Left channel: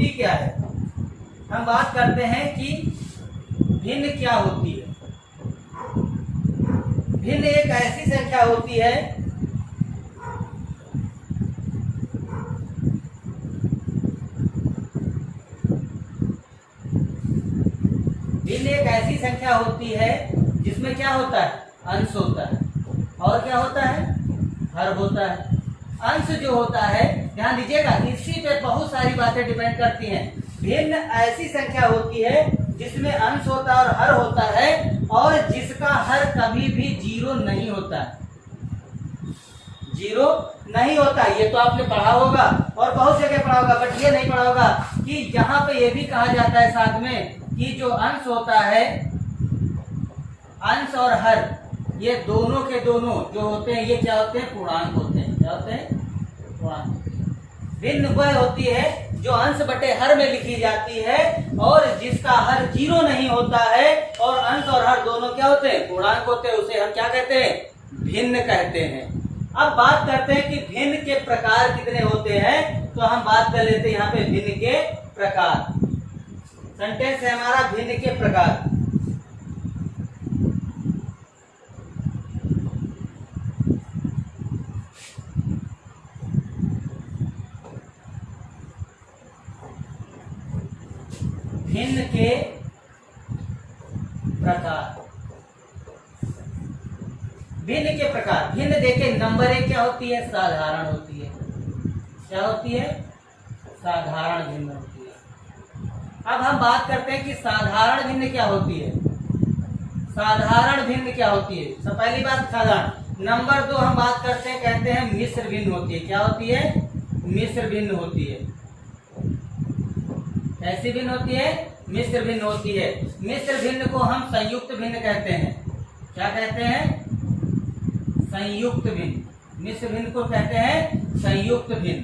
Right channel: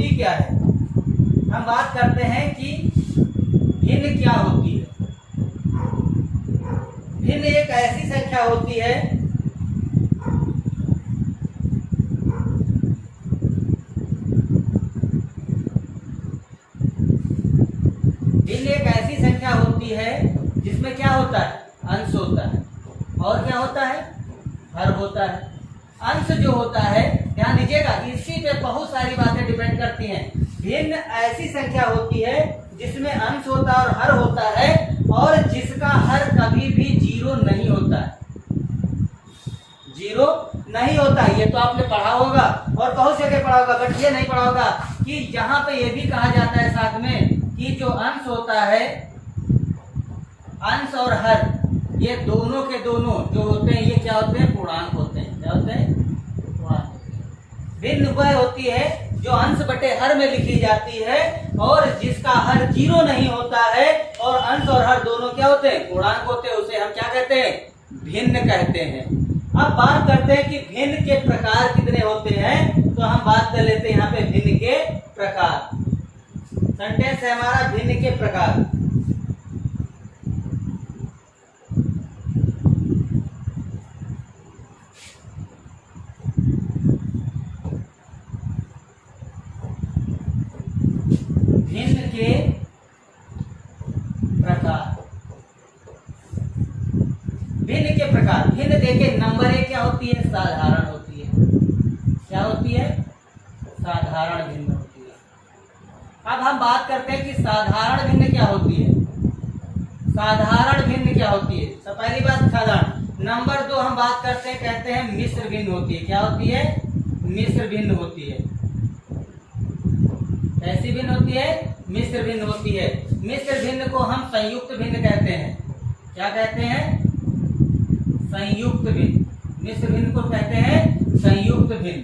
होती क्या है। हम बात करते हैं कि भिन्न क्या होती है। भिन्न एक ऐसी संख्या होती है जिसमें क्या होता है, अंश होता है और क्या होता है, हर होता है। अंश जो होता है, ध्यान दीजिएगा, इसी पे बहुत सारी बातें डिपेंड करती हैं। भिन्न ऐसी संख्या होती है जिसमें अंश होता है और हर होता है और जिसका हर कभी भी जीरो नहीं होता है। जीरो नहीं होता, ये तो आपने पढ़ा होगा और बहुत जगह पढ़ा होगा, बट ये नहीं पढ़ा होगा कि यहाँ पे ये भी कहा जाता है साथ में कि जो अंश होता है, अंश और हर, ये दोनों के दोनों जो होते हैं, ये क्या होते हैं, पूर्णांक होते हैं। क्या होते हैं, पूर्णांक। भिन्न वह होती है जो अंश बटे हर में लिखी जाती है और जिसका हर जीरो नहीं होता है और अंश और हर दोनों क्या होते हैं, पूर्णांक होते हैं। उसे हम क्या कहते हैं, भिन्न कहते हैं। अब बात करते हैं कि भिन्न के प्रकार कितने होते हैं, तो हम बात कर लेते हैं यहाँ पे भिन्न के प्रकार। सेंटेंस है हमारा भिन्न के प्रकार। भिन्न के प्रकार। भिन्न के प्रकार, भिन्न देखे नंबर एक क्या होती है, साधारण होती है। क्या होती है, साधारण भिन्न होती है। अब हम बात करते हैं कि साधारण भिन्न क्या होती है। साधारण भिन्न क्या होती है, सब पहली बात साधारण। नंबर दो हम बात करते हैं, कहते हैं मिश्र भिन्न होती है। क्या होती है, मिश्र भिन्न होती है। कैसी भिन्न होती है, मिश्र भिन्न होती है। मिश्र भिन्न को हम संयुक्त भिन्न कहते हैं। क्या कहते हैं, संयुक्त भिन्न। मिश्र भिन्न को कहते हैं संयुक्त भिन्न।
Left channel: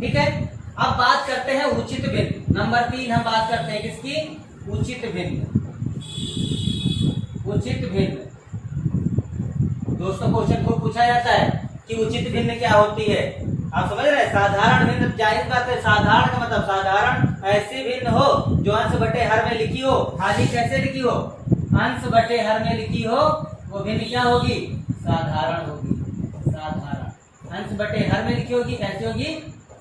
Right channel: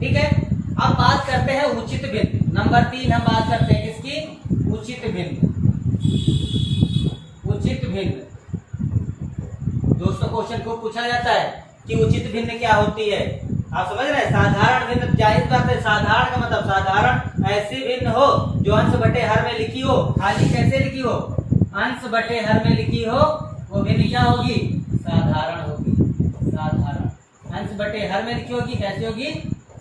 ठीक है, अब बात करते हैं उचित भिन्न। नंबर तीन हम बात करते हैं किसकी, उचित भिन्न। उचित भिन्न दोस्तों क्वेश्चन को पूछा जाता है कि उचित भिन्न क्या होती है। आप समझ रहे हैं, साधारण भिन्न जाहिर बात है, साधारण का मतलब साधारण ऐसी भिन्न हो जो अंश बटे हर में लिखी हो। खाली कैसे लिखी हो, अंश बटे हर में लिखी हो, वो भिन्न क्या होगी, साधारण होगी। साधारण अंश बटे हर में लिखी होगी, कैसे होगी,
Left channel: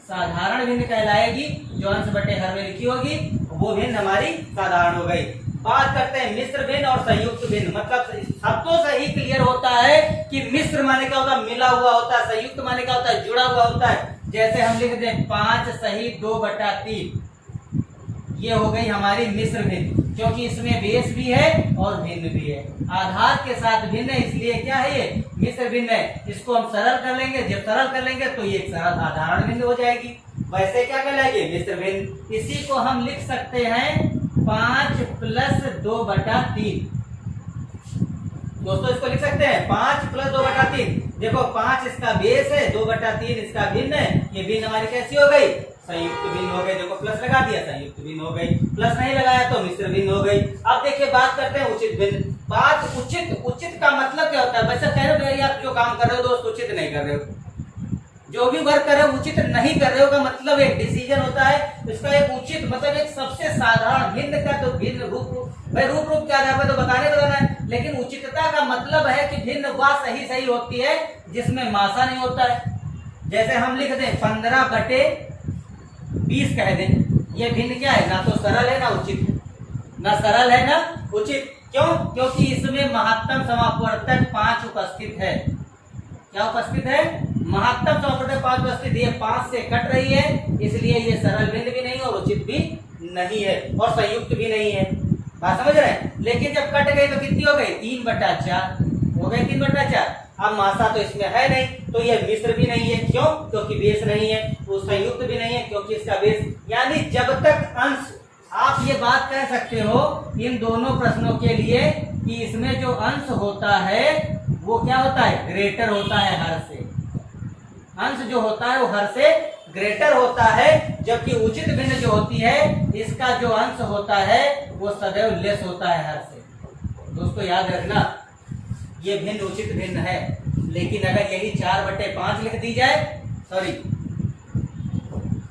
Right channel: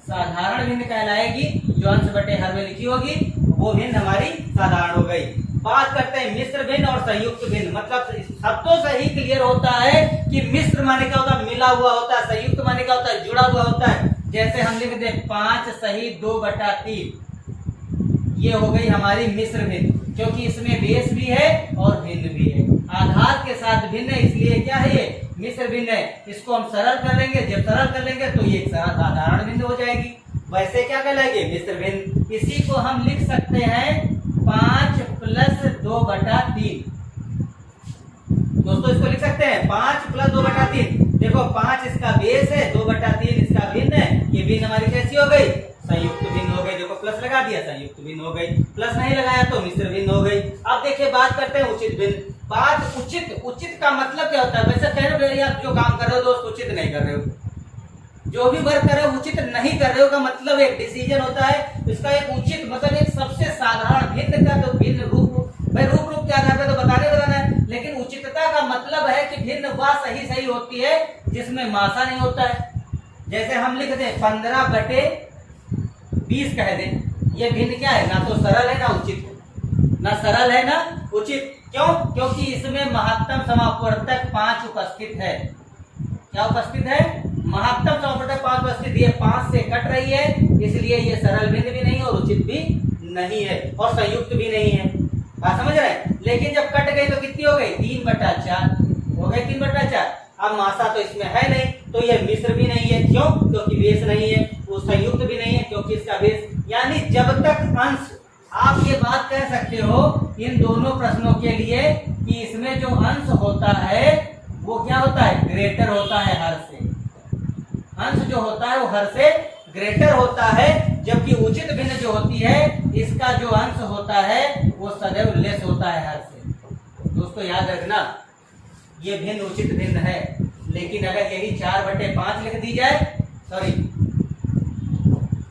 साधारण भिन्न कहलाएगी। जो अंश बटे हर में लिखी होगी वो भिन्न हमारी साधारण हो गई। बात करते हैं मिश्र भिन्न और संयुक्त भिन्न। मतलब शब्दों से ही क्लियर होता है कि मिश्र माने क्या होता है, मिला हुआ होता है। संयुक्त माने क्या होता है, जुड़ा हुआ होता है। जैसे हम लिख दें 5 सही 2/3, ये हो गई हमारी मिश्र भिन्न, क्योंकि इसमें बेस भी है और भिन्न भी है। आधार के साथ भिन्न है, इसलिए क्या है, ये मिश्र भिन्न है। इसको हम सरल कर लेंगे, जब सरल कर लेंगे तो ये साधारण भिन्न हो जाएगी। वैसे क्या कहलाएगी, मिश्र भिन्न। इसी को हम लिख सकते हैं 5 + 2/3। दोस्तों इसको लिख सकते हैं 5 + 2/3। देखो 5 इसका बेस है, 2/3 इसका भिन्न है। ये भिन्न हमारी कैसी हो गई, संयुक्त भिन्न हो गई। देखो प्लस लगा दिया, संयुक्त भिन्न हो गई। प्लस नहीं लगाया तो मिश्र भिन्न हो गई। अब देखिए बात करते हैं उचित भिन्न। बात उचित का मतलब क्या होता है, वैसे कह रहे हो आप जो काम कर रहे हो दोस्त उचित नहीं कर रहे हो, जो भी वर्क कर रहे हो उचित नहीं कर रहे हो का मतलब एक डिसीजन होता है। इसका एक उचित मतलब एक सबसे साधारण भिन्न का, तो भिन्न रूप, भाई रूप के आधार पर तो बताना है, लेकिन उचितता का मतलब है कि भिन्न वह सही होती है जिसमें मासा नहीं होता है। जैसे हम लिख दें 15/20 कह दें, ये भिन्न क्या है, ना तो सरल है ना उचित है, ना सरल है ना उचित। क्यों, क्योंकि इसमें महत्तम समापवर्तक 5 उपस्थित है। क्या उपस्थित है, महत्तम समापवर्तक 5 उपस्थित। ये 5 से कट रही है, इसलिए ये सरल भिन्न भी नहीं और उचित भी नहीं है और संयुक्त भी नहीं है। बात समझ रहे हैं। लेकिन जब कट गई तो कितनी हो गई, 3/4 हो गई, 3/4। अब मासा तो इसमें है नहीं, तो ये मिश्र भी नहीं है। क्यों, क्योंकि बेस नहीं है। वो संयुक्त भी नहीं है क्योंकि इसका बेस, यानी जब तक अंश, आप ये बात कह सकते हो इन दोनों प्रश्नों के लिए कि इसमें जो अंश होता है वो क्या होता है, ग्रेटर होता है हर से। अंश जो होता है वो हर से ग्रेटर होता है, जबकि उचित भिन्न जो होती है इसका जो अंश होता है वो सदैव लेस होता है हर से। दोस्तों याद रखना, ये भिन्न उचित भिन्न है। लेकिन अगर यही 4/5 लिख दी जाए, सॉरी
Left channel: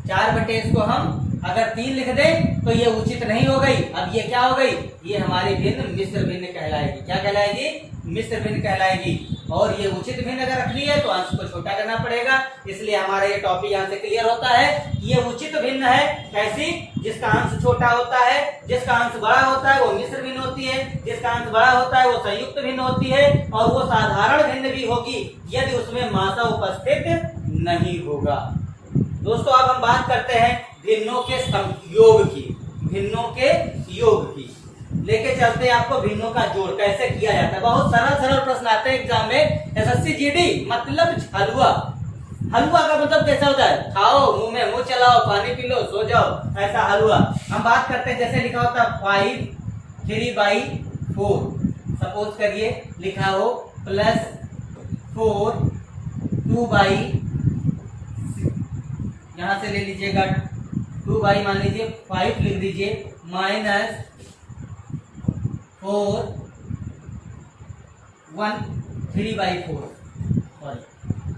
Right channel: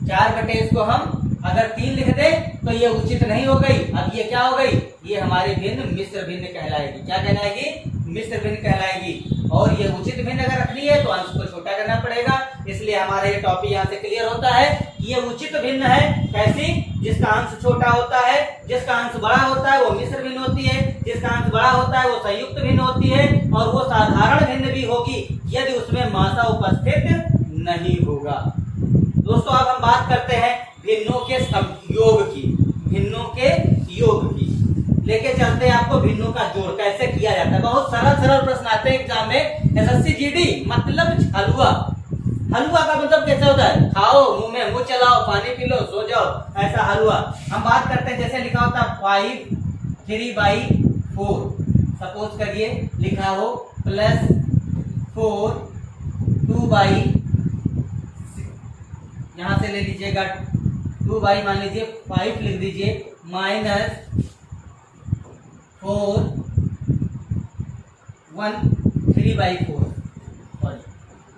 4 बटे इसको हम अगर 3 लिख दें तो ये उचित नहीं हो गई। अब ये क्या हो गई, ये हमारी भिन्न मिश्र भिन्न कहलाएगी। क्या कहलाएगी, मिश्र भिन्न कहलाएगी। और ये उचित भिन्न अगर रखनी है तो अंश को छोटा करना पड़ेगा। इसलिए हमारा ये टॉपिक यहाँ से क्लियर होता है कि ये उचित भिन्न है। कैसी, जिसका अंश छोटा होता है, जिसका अंश बड़ा होता है वो मिश्र भिन्न होती है, जिसका अंश बड़ा होता है वो संयुक्त भिन्न होती है, और वो साधारण भिन्न भी होगी यदि उसमें मात्रा उपस्थित नहीं होगा। दोस्तों अब हम बात करते हैं भिन्नों के योग की, भिन्नों के योग की। लेके चलते हैं आपको भिन्नों का जोड़ कैसे किया जाता है। बहुत सरल सरल प्रश्न आते हैं एग्जाम में। एसएससी जीडी मतलब हलवा। हलवा का मतलब कैसा होता है, खाओ, मुंह में मुंह चलाओ, पानी पी लो, सो जाओ, ऐसा हलवा। हम बात करते हैं जैसे लिखा होता 5 3/4। सपोज करिए लिखा हो +4 2/6। यहां से ले लीजिएगा 2 मान लीजिए 5 लिख दीजिए -4 1 3/4।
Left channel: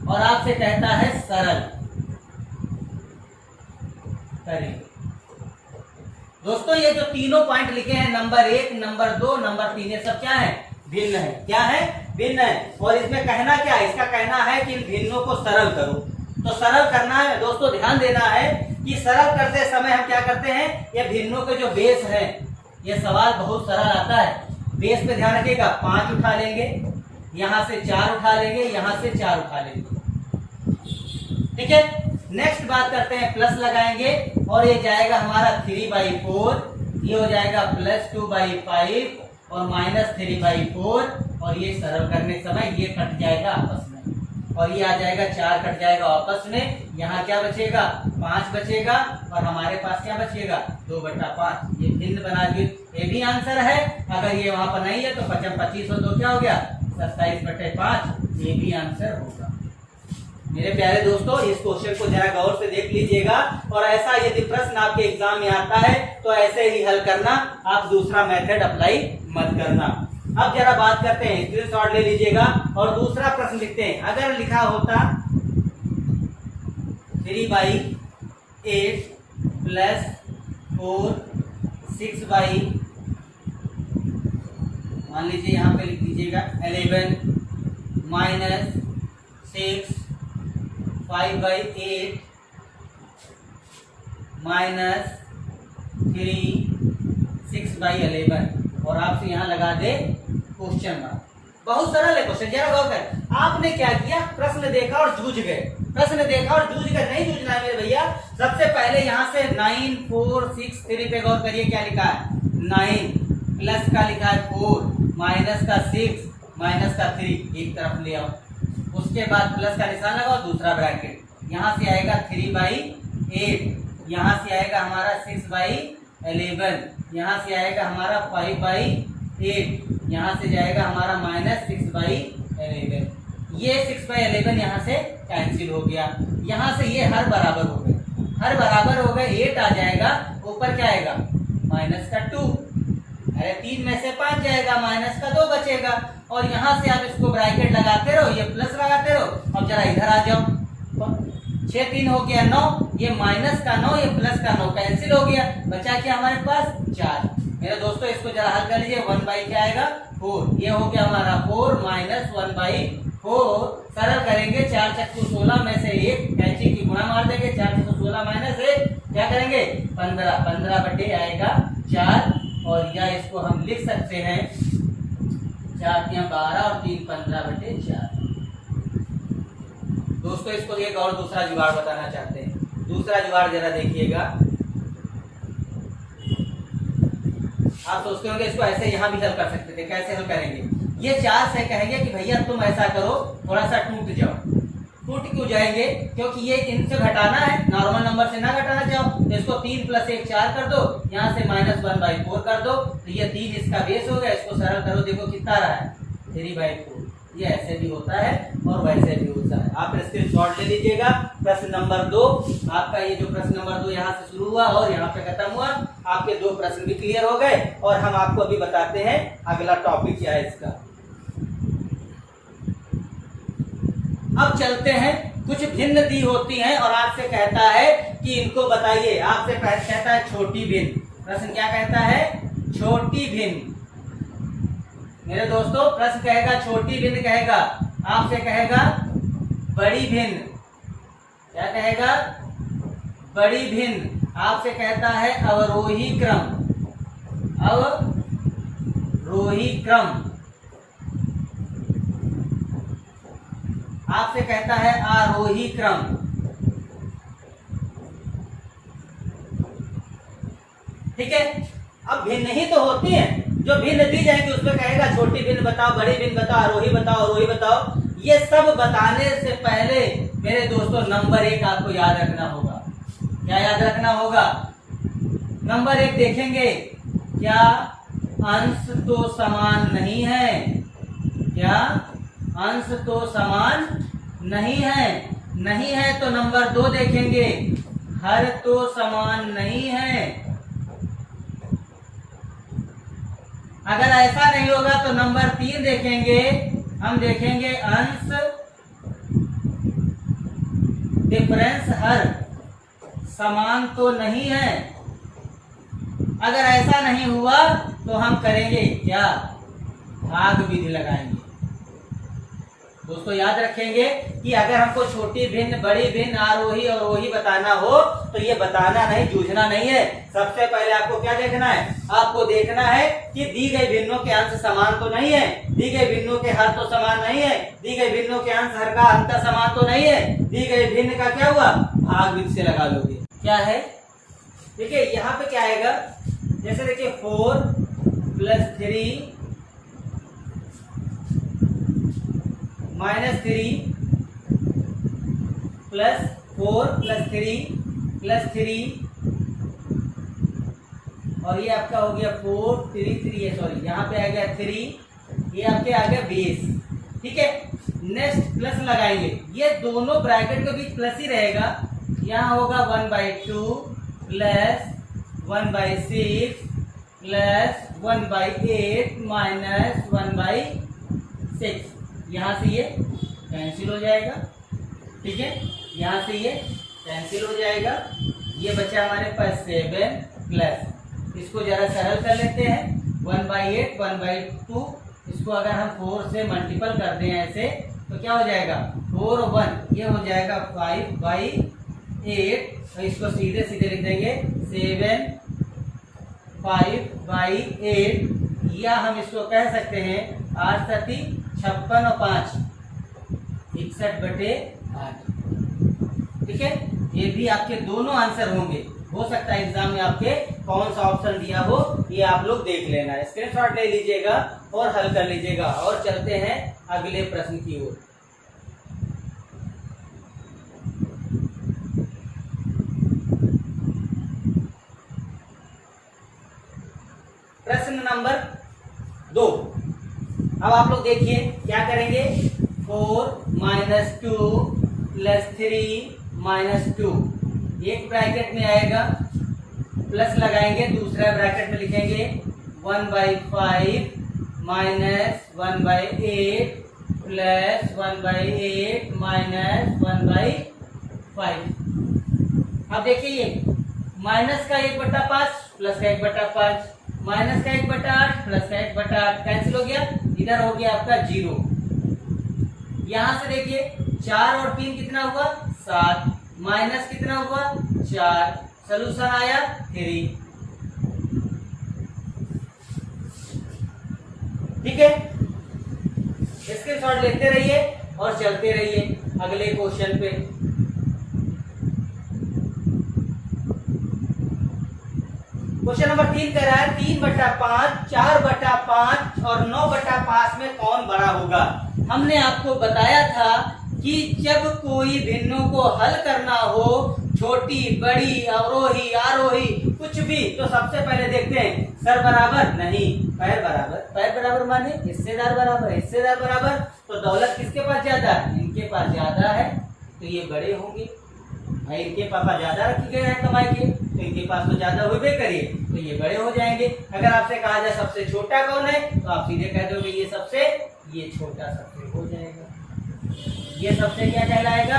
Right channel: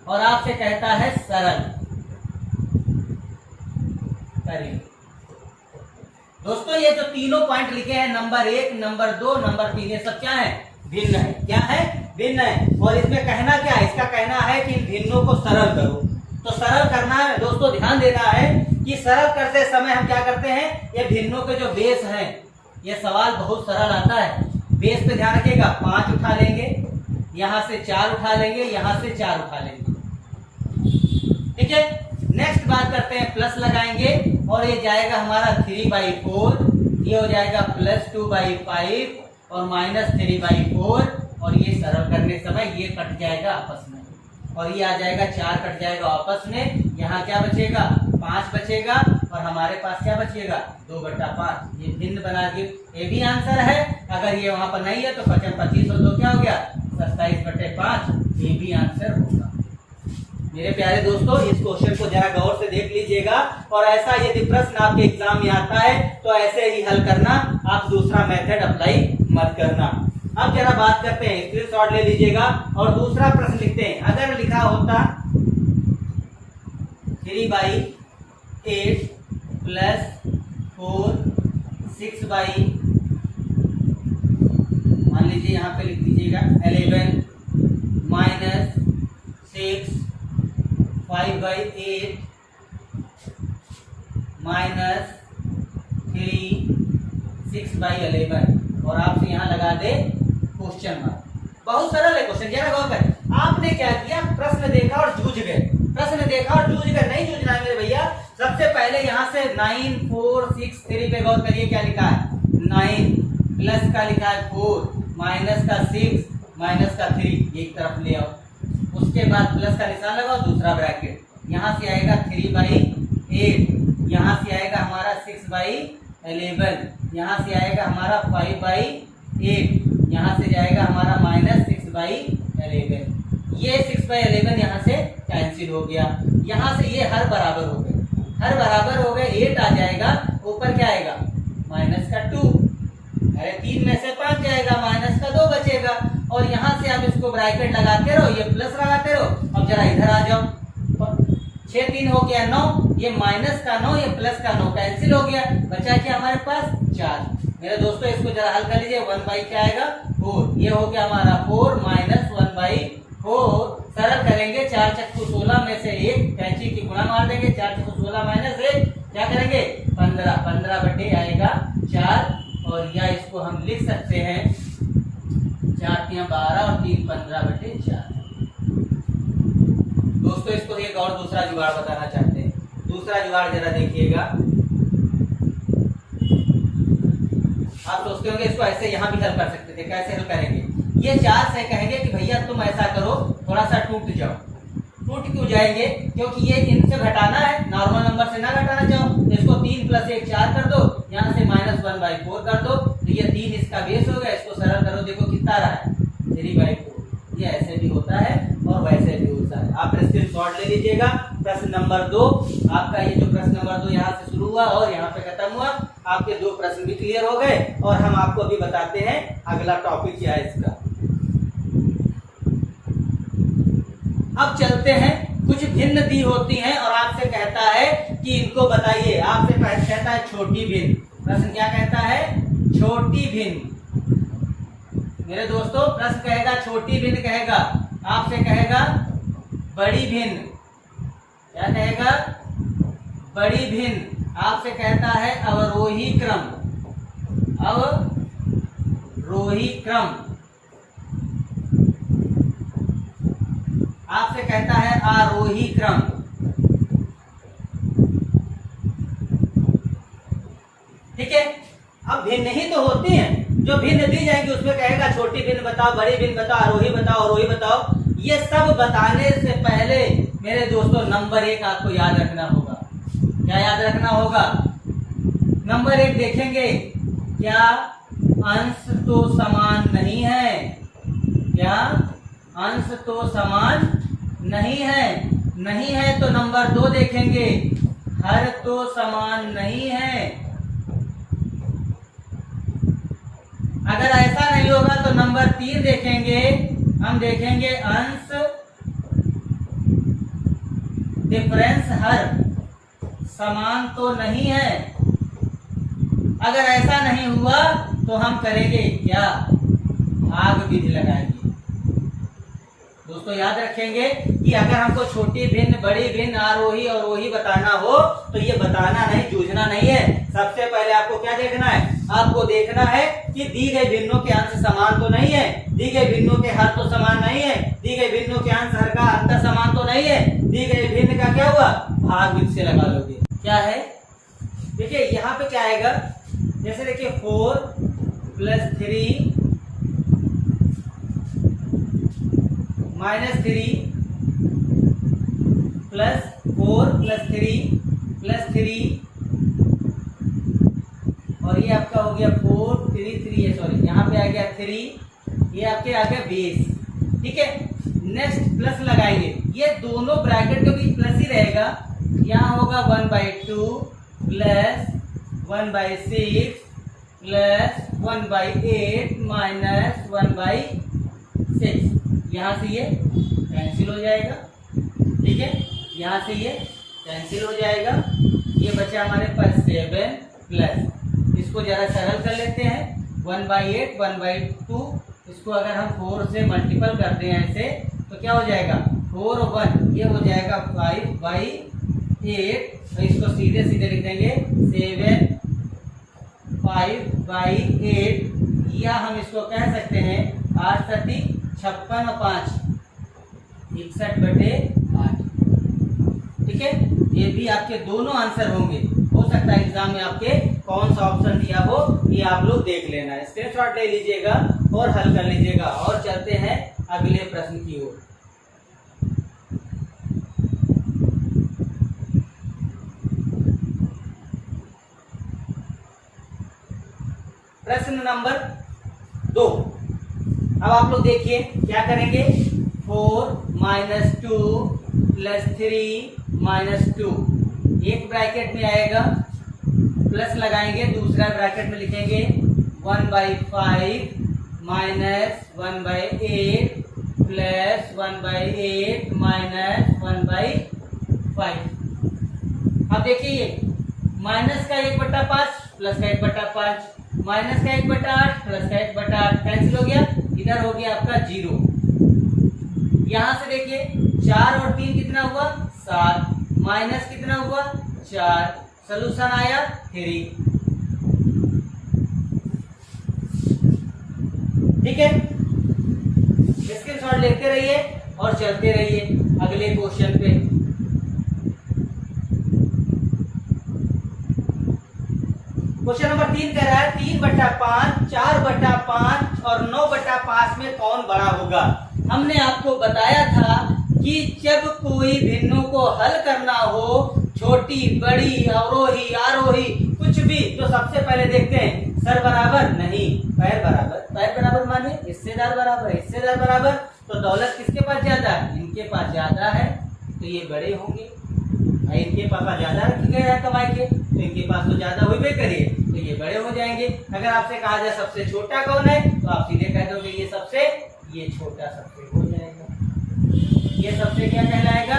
और आपसे कहता है सरल करेंगे। दोस्तों ये जो तीनों पॉइंट लिखे हैं नंबर 1, नंबर 2, नंबर 3, ये सब क्या है, भिन्न है। क्या है, भिन्न है। और इसमें कहना क्या है, इसका कहना है कि इन भिन्नों को सरल करो। तो सरल करना है दोस्तों, ध्यान देना है कि सरल करते समय हम क्या करते हैं, ये भिन्नों के जो बेस है, ये सवाल बहुत सरल आता है। बेस पे ध्यान रखिएगा, 5 उठा लेंगे, यहां से 4 उठा लेंगे, यहां से 4 उठा लेंगे। ठीक है, नेक्स्ट बात करते हैं, प्लस लगाएंगे और ये जाएगा हमारा 3/4, ये हो जाएगा +2/5 और -3/4। और ये सरल करने समय ये कट जाएगा आपस में, और ये आ जाएगा 4 कट जाएगा आपस में। यहाँ क्या बचेगा, 5 बचेगा, और हमारे पास क्या बचेगा, 2/5। ये भिन्न बना दिए, ये भी आंसर है। अगर ये वहां पर नहीं है तो 25 और 2 क्या हो गया, 27/5। ये भी आंसर होगा। मेरे प्यारे दोस्तों इस क्वेश्चन को जरा गौर से देख लीजिएगा, और ऐसा यदि प्रश्न आपके एग्जाम में आता है तो ऐसे ही हल करना, आप दूसरा मेथड अप्लाई मत करना। अब जरा बात करते हैं, स्क्रीनशॉट ले लीजिएगा और दूसरा प्रश्न लिखते हैं। अगर लिखा होता 3/8 +4 6/, मान लीजिए यहाँ पे लिख दीजिएगा 11 -6 5/8 -3 6/11, और आपसे यहाँ लगा दे क्वेश्चन मार्क। बहुत सरल है क्वेश्चन, जरा गौर कर। आपने क्या किया, प्रश्न देखा और जूझ गए, प्रश्न देखा और जूझ गए। नहीं जूझना है मेरे भैया। सबसे पहले यहाँ से 9 4 6 3 पे गौर करिए, क्या लिखा है 9, प्लस का लिखा है 4, माइनस का 6, माइनस का 3, एक तरफ ले आओ। उसके बाद प्लस का निशान लगाओ, दूसरा ब्रैकेट, यहाँ से आएगा 3/8, यहाँ से आएगा हमारा 6/11, यहाँ से आएगा हमारा 5/8, यहाँ से जाएगा हमारा -6/11। ये 6/11 यहाँ से कैंसिल हो गया, यहाँ से ये हर बराबर हो गए, हर बराबर हो गए। 8 आ जाएगा, ऊपर क्या आएगा -2, अरे 3 में से 5 जाएगा, -2 बचेगा। और यहाँ से आप इसको ब्रैकेट लगाते रहो, ये प्लस लगाते रहो। अब जरा इधर आ जाओ, 6 3 हो गया 9, ये -9, ये +9 कैंसिल हो गया, बचा क्या हमारे पास 4। मेरे दोस्तों इसको जरा हल कर लीजिए, 1/, क्या आएगा 4, ये हो गया हमारा 4 -1/4। सरल करेंगे, 4 चक्कू 16 में से 1 कैंची की गुणा मार देंगे, 4 चक्कू 16 -1 क्या करेंगे 15, 15 आएगा 4। और या इसको हम लिख सकते हैं 4 3 12 और 3 15/4। दोस्तों इसको एक और दूसरा जुगाड़ बताना चाहते हैं। दूसरा जुगाड़ जरा देखिएगा। आप सोचते होंगे इसको ऐसे यहाँ भी हल कर सकते थे, कैसे हल करेंगे। ये 4 से कहेंगे कि भैया तुम ऐसा करो, थोड़ा सा टूट जाओ। टूट क्यों जाएंगे, क्योंकि ये इनसे घटाना है, नॉर्मल नंबर से ना घटाना चाहो तो इसको 3 + 1 4 कर दो, यहाँ से -1/4 कर दो, तो ये 3 इसका बेस हो गया। इसको सरल करो, देखो कितना रहा है 3/4। ये ऐसे भी होता है और वैसे भी होता है। आप स्क्रीनशॉट ले लीजिएगा। प्रश्न नंबर 2, आपका ये जो प्रश्न नंबर 2 यहाँ से शुरू हुआ और यहाँ पे खत्म हुआ, आपके 2 प्रश्न भी क्लियर हो गए। और हम आपको अभी बताते हैं अगला टॉपिक क्या है इसका। अब चलते हैं कुछ भिन्न दी होती हैं और आपसे कहता है कि इनको बताइए। आपसे कहता है छोटी भिन्न। प्रश्न क्या कहता है? छोटी भिन्न। मेरे दोस्तों प्रश्न कहेगा छोटी भिन्न कहेगा, आपसे कहेगा बड़ी भिन्न। क्या कहेगा? बड़ी भिन्न। आपसे कहता है अवरोही क्रम। अवरोही क्रम। आपसे कहता है आरोही क्रम। ठीक है। अब भिन्न ही तो होती हैं, जो भिन्न दी जाएंगी उसमें कहेगा छोटी भिन्न बताओ, बड़ी भिन्न बताओ, आरोही बताओ, अवरोही बताओ। ये सब बताने से पहले मेरे दोस्तों नंबर 1 आपको याद रखना होगा। क्या याद रखना होगा? नंबर 1 देखेंगे, क्या अंश तो समान नहीं है? क्या अंश तो समान नहीं है? नहीं है तो नंबर 2 देखेंगे, हर तो समान नहीं है। अगर ऐसा नहीं होगा तो नंबर 3 देखेंगे, हम देखेंगे अंश डिफरेंस हर समान तो नहीं है। अगर ऐसा नहीं हुआ तो हम करेंगे क्या? भाग विधि लगाएंगे। दोस्तों याद रखेंगे कि अगर हमको छोटी भिन्न, बड़ी भिन्न, आरोही और अवरोही बताना हो तो ये बताना नहीं, जूझना नहीं है। सबसे पहले आपको क्या देखना है? आपको देखना है कि दी गई भिन्नों के अंश समान तो नहीं है, दी गई भिन्नों के हर तो समान नहीं है, दी गई भिन्नों के अंश हर का अंतर समान तो नहीं है। दी गई भिन्न का क्या हुआ? भाग विधि से लगा लोगे। क्या है? देखिए यहाँ पे क्या आएगा, जैसे देखिए 4 + 3 -3 + 4 + 3 + 3 और ये आपका हो गया 4 3 3 है, सॉरी यहाँ पे आ गया 3, ये आपके आ गया 20। ठीक है। नेक्स्ट प्लस लगाएंगे, ये दोनों ब्रैकेट के बीच प्लस ही रहेगा। यहाँ होगा 1/2 + 1/6 + 1/8 - 1/6। यहाँ से ये कैंसिल हो जाएगा। ठीक है। यहाँ से ये कैंसिल हो जाएगा। ये बचा हमारे पास 7 प्लस, इसको जरा सरल कर लेते हैं। 1/8 1/2, इसको अगर हम 4 से मल्टीपल करते हैं ऐसे तो क्या हो जाएगा? 4 और 1 ये हो जाएगा 5/8। तो इसको सीधे सीधे लिख देंगे 7 5/8, या हम इसको कह सकते हैं 8 × 56 और 5 61/8। ठीक है। ये भी आपके दोनों आंसर होंगे। हो सकता है एग्जाम में आपके कौन सा ऑप्शन दिया हो, ये आप लोग देख लेना, स्क्रीनशॉट ले लीजिएगा और हल कर लीजिएगा। और चलते हैं अगले प्रश्न की ओर। प्रश्न नंबर 2। अब आप लोग देखिए क्या करेंगे। 4 - 2 + 3 - 2, एक ब्रैकेट में आएगा, प्लस लगाएंगे, दूसरा ब्रैकेट में लिखेंगे 1/5 - 1/8 + 1/8 - 1/5। अब देखिए ये माइनस का 1/5 प्लस का 1/5, माइनस का 1/8 प्लस का 1/8 कैंसिल हो गया। इधर हो गया आपका 0। यहां से देखिए 4 और 3 कितना हुआ? 7, माइनस कितना हुआ? 4, सोल्यूशन आया 3। ठीक है। स्क्रीनशॉट लेते रहिए और चलते रहिए अगले क्वेश्चन पे। क्वेश्चन नंबर 3 कह रहा है 3/5, 4/5 और 9/5 में कौन बड़ा होगा? हमने आपको बताया था कि जब कोई भिन्नों को हल करना हो, छोटी, बड़ी, अवरोही, आरोही, कुछ भी, तो सबसे पहले देखते हैं सर बराबर नहीं, पैर बराबर। पैर बराबर माने हिस्सेदार बराबर, हिस्सेदार बराबर। तो दौलत किसके पास ज्यादा है? इनके पास ज्यादा है, तो ये बड़े होंगे। भाई इनके पापा ज्यादा रखे गए हैं कमाई के, तो इनके पास तो ज्यादा होबे करिए, तो ये बड़े हो जाएंगे। अगर आपसे कहा जाए सबसे छोटा कौन है, तो आप सीधे कह दोगे ये छोटा सबसे हो जाएगा। ये सबसे क्या कहलाएगा?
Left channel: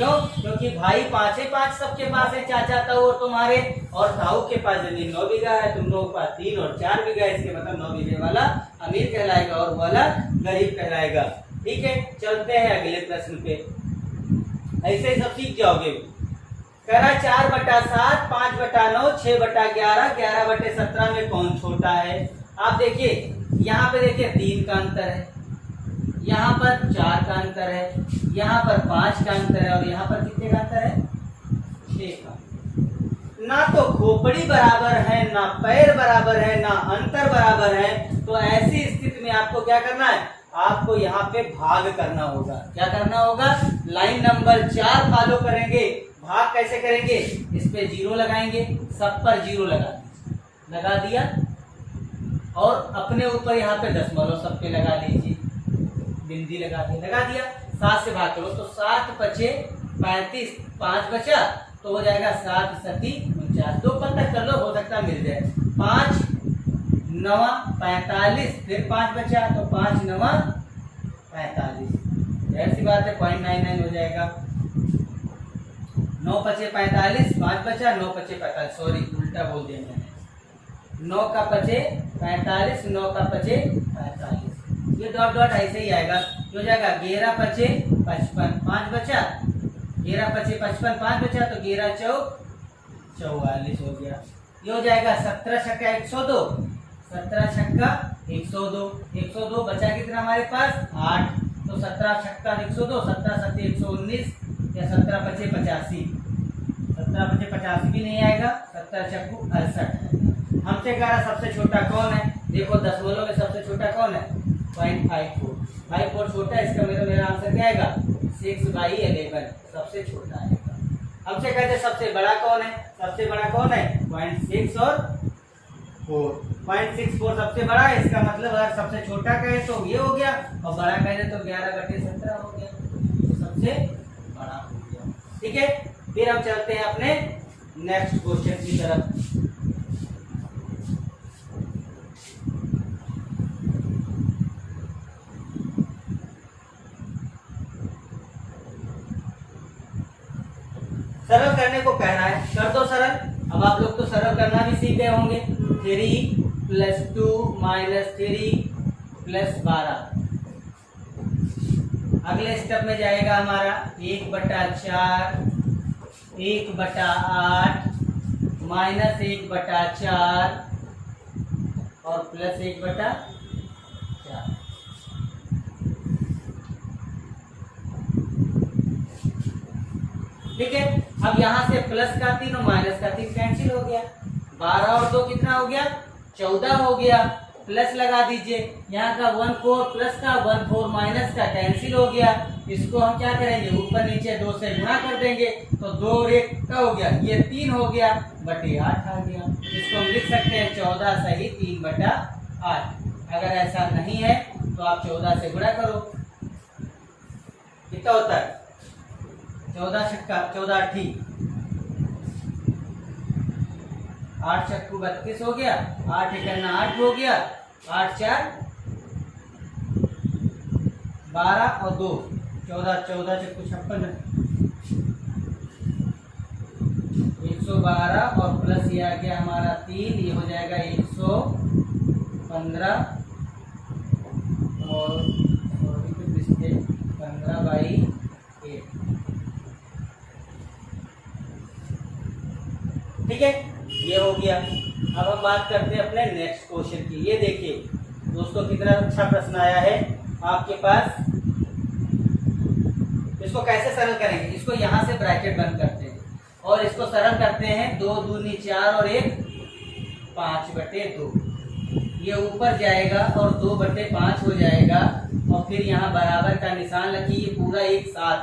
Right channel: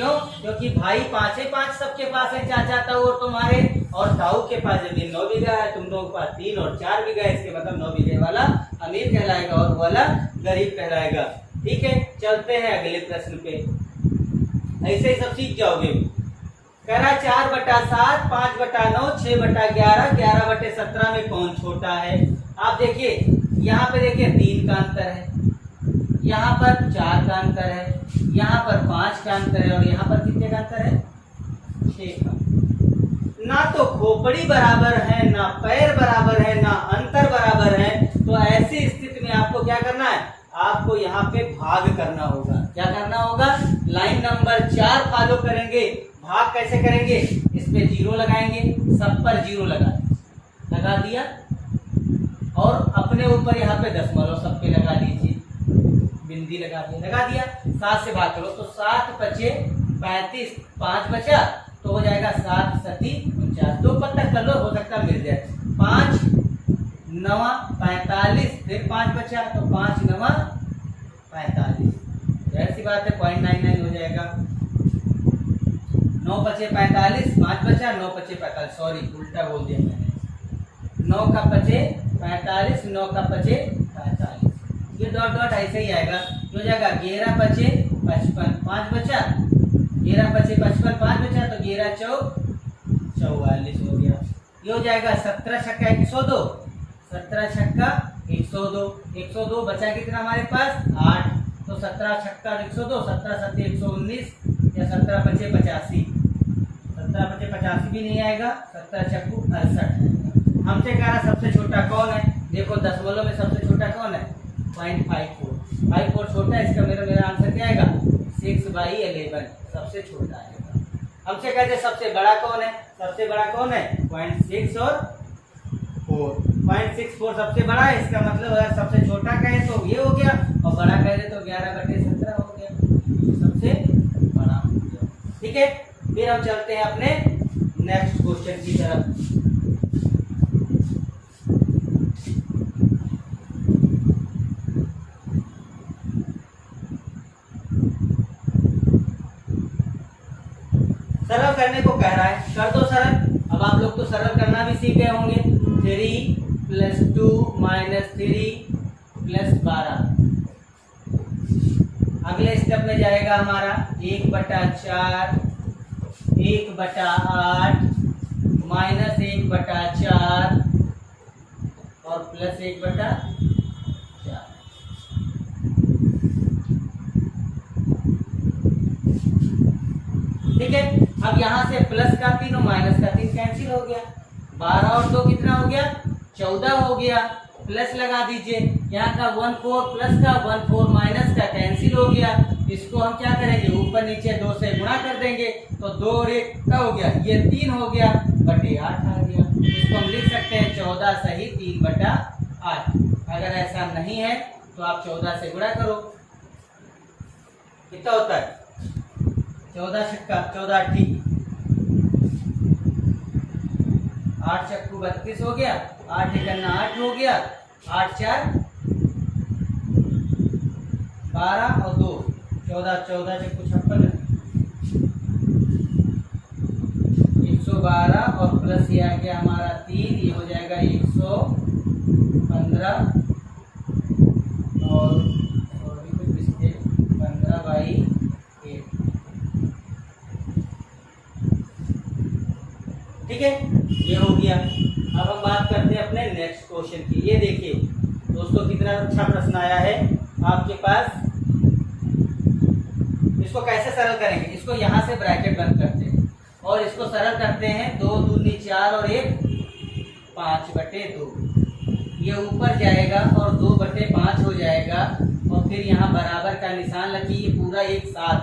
क्यों? क्योंकि भाई पांचे पांच सबके पास है, चाचा ताऊ और तुम्हारे, और ताऊ के पास जमीन 9 बीघा है, तुम लोगों के पास 3 और 4 बीघा है, इसके मतलब 9 बीघे वाला अमीर कहलाएगा और वाला गरीब कहलाएगा। ठीक है, चलते हैं अगले प्रश्न पे। ऐसे ही सब सीख जाओगे। कह रहा 4/7, 5/9, 6/11, 11/17 में कौन छोटा है? आप देखिए यहाँ पे देखिए 3 का अंतर है, यहाँ पर 4 का अंतर है, यहाँ पर 5 का अंतर है और यहाँ पर कितने का अंतर है? 6 का। ना तो खोपड़ी बराबर है, ना पैर बराबर है, ना अंतर बराबर है, तो ऐसी स्थिति में आपको क्या करना है? आपको यहाँ पे भाग करना होगा। क्या करना होगा? लाइन नंबर 4 फॉलो करेंगे। भाग कैसे करेंगे? इस पे 0 लगाएंगे, सब पर 0 लगा दिया और अपने ऊपर यहाँ पे दशमलव सब पे लगा लीजिए, बिंदी लगा दिया। 7 से भाग करो तो 7 पचे 35, 5 बचा तो हो जाएगा 7 सती 49। 2 पत्थर कर लो, हो सकता है मिल जाए। 5 9 45, फिर 5 बचा तो 5 9 45, ऐसी बात है 0.99 हो जाएगा। 9 पचे 45, 5 बचा, 9 पचे 45, सॉरी उल्टा बोल दिया मैंने। 9 का पचे 45, 9 का पचे 45, ये डॉट डॉट ऐसे ही आएगा। हो जाएगा 11 पचे 55, 5 बचा, 11 पचे 55, 5 बचा तो 11 चौक 44 हो गया। ये हो जाएगा 17 छक्का 102, 17 छक्का 102, 102 बचा कितना हमारे पास? 8, तो 17 छक्का 102, 17 सत्ते 119 या 17 पचे 85, 17 पचे 85 भी नहीं आएगा, 17 चक्कू 68। हमसे कह रहा सबसे छोटा कौन है? देखो दशमलव में सबसे छोटा कौन है? 0.54, 54 छोटा है, इसका मेरा आंसर क्या आएगा? 6/11 सबसे छोटा आएगा। हमसे कहते सबसे बड़ा कौन है? सबसे बड़ा कौन है? 0.6 और 4, 0.64 सबसे बड़ा है, इसका मतलब अगर सबसे छोटा कहे तो ये हो गया और बड़ा कहे तो 11/17 हो गया, सबसे बड़ा हो गया। ठीक है, फिर हम चलते हैं अपने नेक्स्ट क्वेश्चन की तरफ। सरल करने को कह रहा है, कर दो सरल। अब आप लोग तो सरल करना भी सीख गए होंगे। 3 + 2 - 3 + 12। अगले स्टेप में जाएगा हमारा 1/4, 1/8 -1/4 और +1/4। ठीक है, अब यहाँ से प्लस का 3 और माइनस का 3 कैंसिल हो गया। 12 और 2 कितना हो गया? 14 हो गया। प्लस लगा दीजिए, यहाँ का 1 4 प्लस का 1 4 माइनस का कैंसिल हो गया। इसको हम क्या करेंगे? ऊपर नीचे 2 से गुणा कर देंगे तो 2 और 1 का हो गया, ये 3 हो गया, बटे 8 आ गया। इसको हम लिख सकते हैं 14 सही 3/8। अगर ऐसा नहीं है तो आप 14 से गुणा करो, कितना होता है? 14 छक्का 14 8, 8 चक्कू 32 हो गया, 8 एकन्ना 8 हो गया, 8 4 12 और 2 14, 14 चक्कू 56, 112 और प्लस ये आ गया हमारा 3, ये हो जाएगा 115 और 15/8। ठीक है, ये हो गया। अब हम बात करते हैं अपने नेक्स्ट क्वेश्चन की। ये देखिए दोस्तों कितना अच्छा प्रश्न आया है आपके पास। इसको कैसे सरल करेंगे? इसको यहाँ से ब्रैकेट बंद करते हैं और इसको सरल करते हैं। 2 दूनी 4 और 1 5/2। ये ऊपर जाएगा और 2/5 हो जाएगा और फिर यहाँ बराबर का निशान रखिए, ये पूरा एक साथ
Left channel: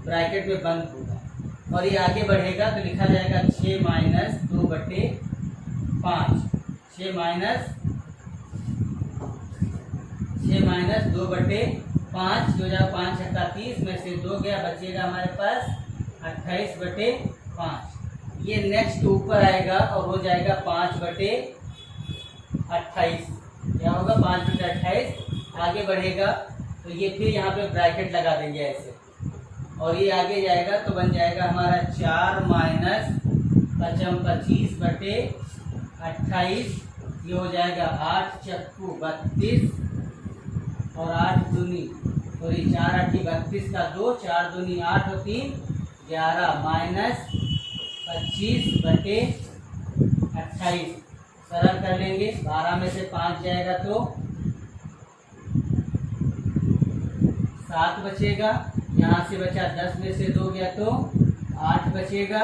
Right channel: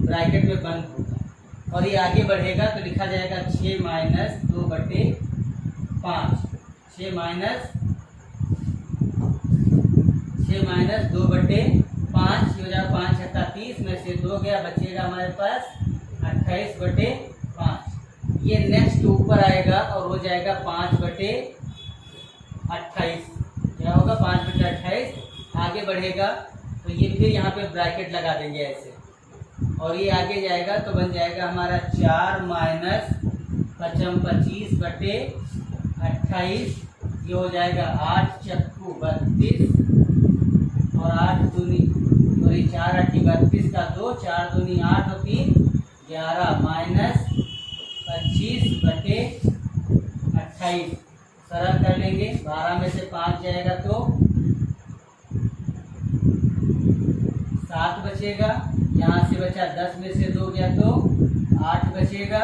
ब्रैकेट में बंद होगा और ये आगे बढ़ेगा तो लिखा जाएगा 6 - 2/5, 6 - 2/5 हो जाएगा 5 छक्का 30 में से 2 गया, बचेगा हमारे पास 28/5। ये नेक्स्ट ऊपर आएगा और हो जाएगा 5/28। क्या होगा? 5/28 आगे बढ़ेगा तो ये फिर यहाँ पे ब्रैकेट लगा देंगे ऐसे और ये आगे जाएगा तो बन जाएगा हमारा 4 माइनस 25/28। ये हो जाएगा 8 चक्कू 32 और 8 दूनी सॉरी 4 8 32 का 2, 4 दूनी 8 और 3 11 माइनस 25/28। सरल कर लेंगे, 12 में से 5 जाएगा तो 7 बचेगा। यहाँ से बचा 10 में से 2 गया तो 8 बचेगा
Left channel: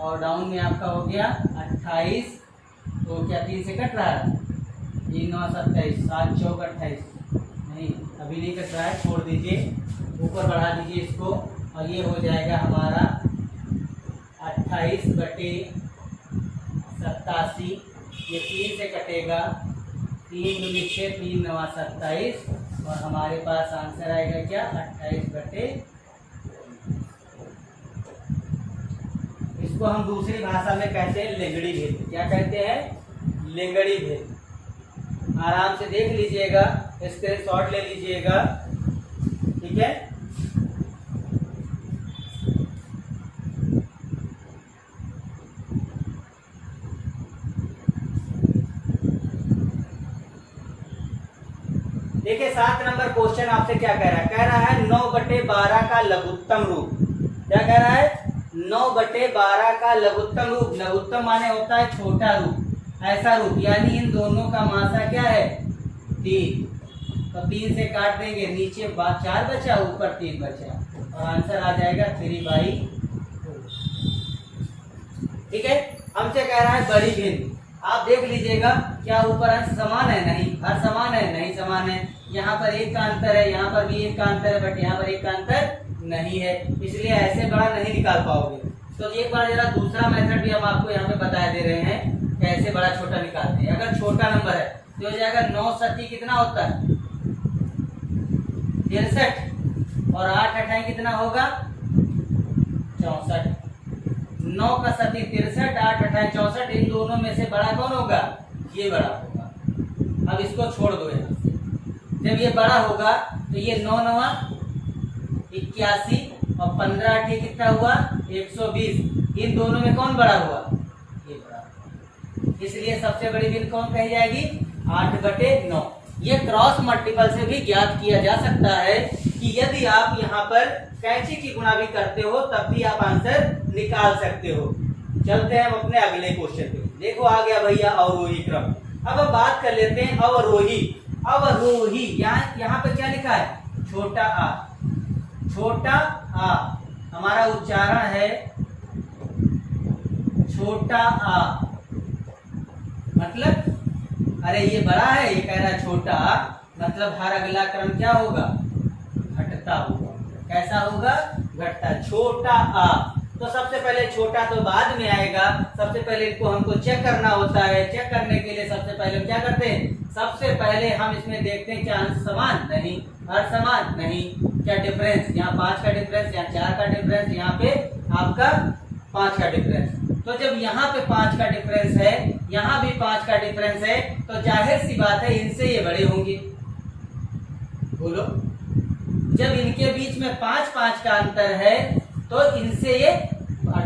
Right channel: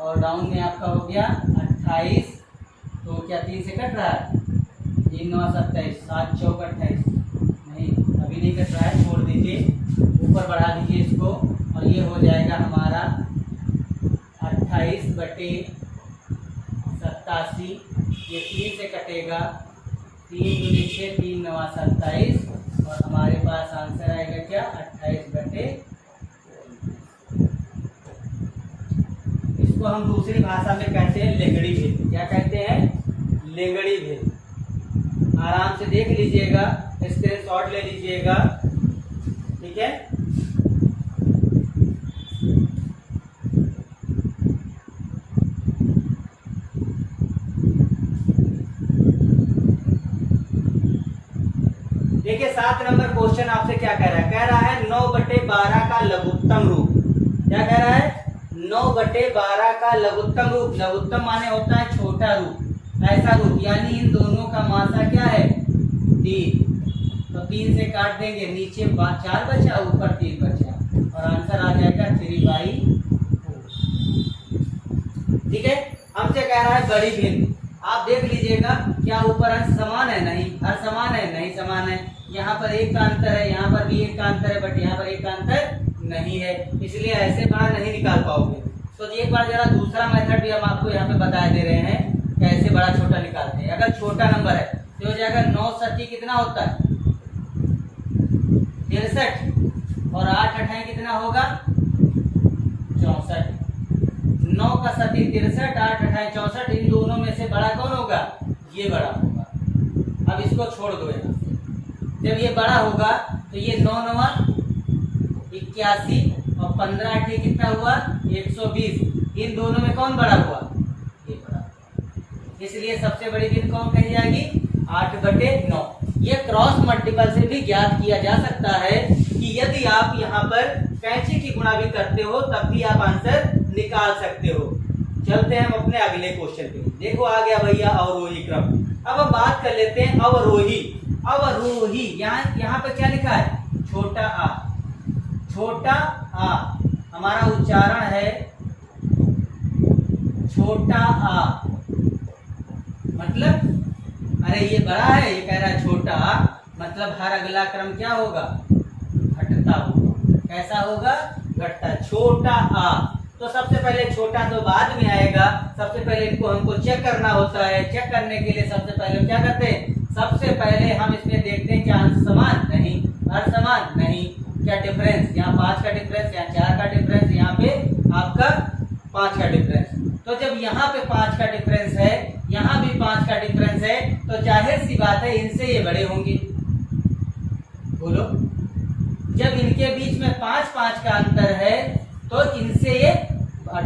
और डाउन में आपका हो गया 28। तो क्या 3 से कट रहा है? 3 9 27, 7 चौक 28। नहीं अभी नहीं कट रहा है, छोड़ दीजिए, ऊपर बढ़ा दीजिए इसको और ये हो जाएगा हमारा 28/87। ये 3 से कटेगा, 3 दूनी 6, 3 9 27 और हमारे पास आंसर आएगा क्या? 28/। इसको हम दूसरी भाषा में कहते हैं लेंगड़ी भेद। क्या कहते हैं? लेंगड़ी भेद। आराम से देख लीजिएगा, स्क्रीनशॉट ले लीजिएगा, ठीक है। देखिए 7 नंबर क्वेश्चन आपसे क्या कह रहा है? कह रहा है 9/12 का लघुत्तम रूप। क्या कह रहा है? 9/12 का लघुत्तम रूप। लघुत्तम माने होता है छोटा रूप, ऐसा रूप, यानी इन दोनों का मासा क्या है? 3। तो 3 से काट देंगे, नीचे 4 बचा, ऊपर 3 बचा और आंसर आ जाएगा 3/4। ठीक है। हमसे कह रहा है बड़ी भिन्न। आप देख लीजिएगा, क्या ऊपर अंश समान है? नहीं। हर समान है? नहीं समान है। यहाँ पर 1 का अंतर है, यहाँ पर भी 1 का अंतर है, बट यहाँ पर 1 का अंतर नहीं है, इसलिए ऐसे बड़ा नहीं निकाल पाओगे। तो एक बार जरा दूसरा मेथड भी हम आपको यहाँ पे बता दे रहे हैं, कैसे बड़ा छोटा निकालते हैं। अगर छोटा नंबर है तो हो जाएगा 9 सती कितना होता है? 63 और 8 अठाई कितना होगा? 64। 9 का सती 63, 8 अठाई 64। इन दोनों में से बड़ा कौन होगा? ये बड़ा होगा। अब इसको छोड़ दो यहाँ से। जब ये बड़ा होगा तो ये 9 9 81 और 15 8 कितना हुआ? 120। इन दोनों में कौन बड़ा हुआ? ये बड़ा। इसलिए सबसे बड़ी भिन्न कौन कही जाएगी? 8/9। ये क्रॉस मल्टीपल से भी ज्ञात किया जा सकता है कि यदि आप यहाँ पर कैंची की गुणा भी करते हो तब भी आप आंसर निकाल सकते हो। चलते हैं हम अपने अगले क्वेश्चन पे। देखो आ गया भैया अवरोही क्रम। अब हम बात कर लेते हैं अवरोही। अवरोही यहाँ पे क्या लिखा है? छोटा आ। छोटा आ हमारा उच्चारण है छोटा आ, मतलब अरे ये बड़ा है, ये कह रहा है छोटा आ, मतलब हर अगला क्रम क्या होगा? घटता होगा। कैसा होगा? घटता। छोटा आ। तो सबसे पहले छोटा तो बाद में आएगा, सबसे पहले इनको हमको चेक करना होता है। चेक करने के लिए सबसे पहले हम क्या करते हैं? सबसे पहले हम इसमें देखते हैं क्या अंश समान? नहीं। असमान? नहीं। क्या डिफरेंस? यहाँ 5 का डिफरेंस, यहाँ 4 का डिफरेंस, यहाँ पे आपका 5 का डिफरेंस। तो जब यहाँ पे 5 का डिफरेंस है, यहाँ भी 5 का डिफरेंस है, तो जाहिर सी बात है इनसे ये बड़े होंगे। बोलो, जब इनके बीच में 5 का अंतर है तो इनसे ये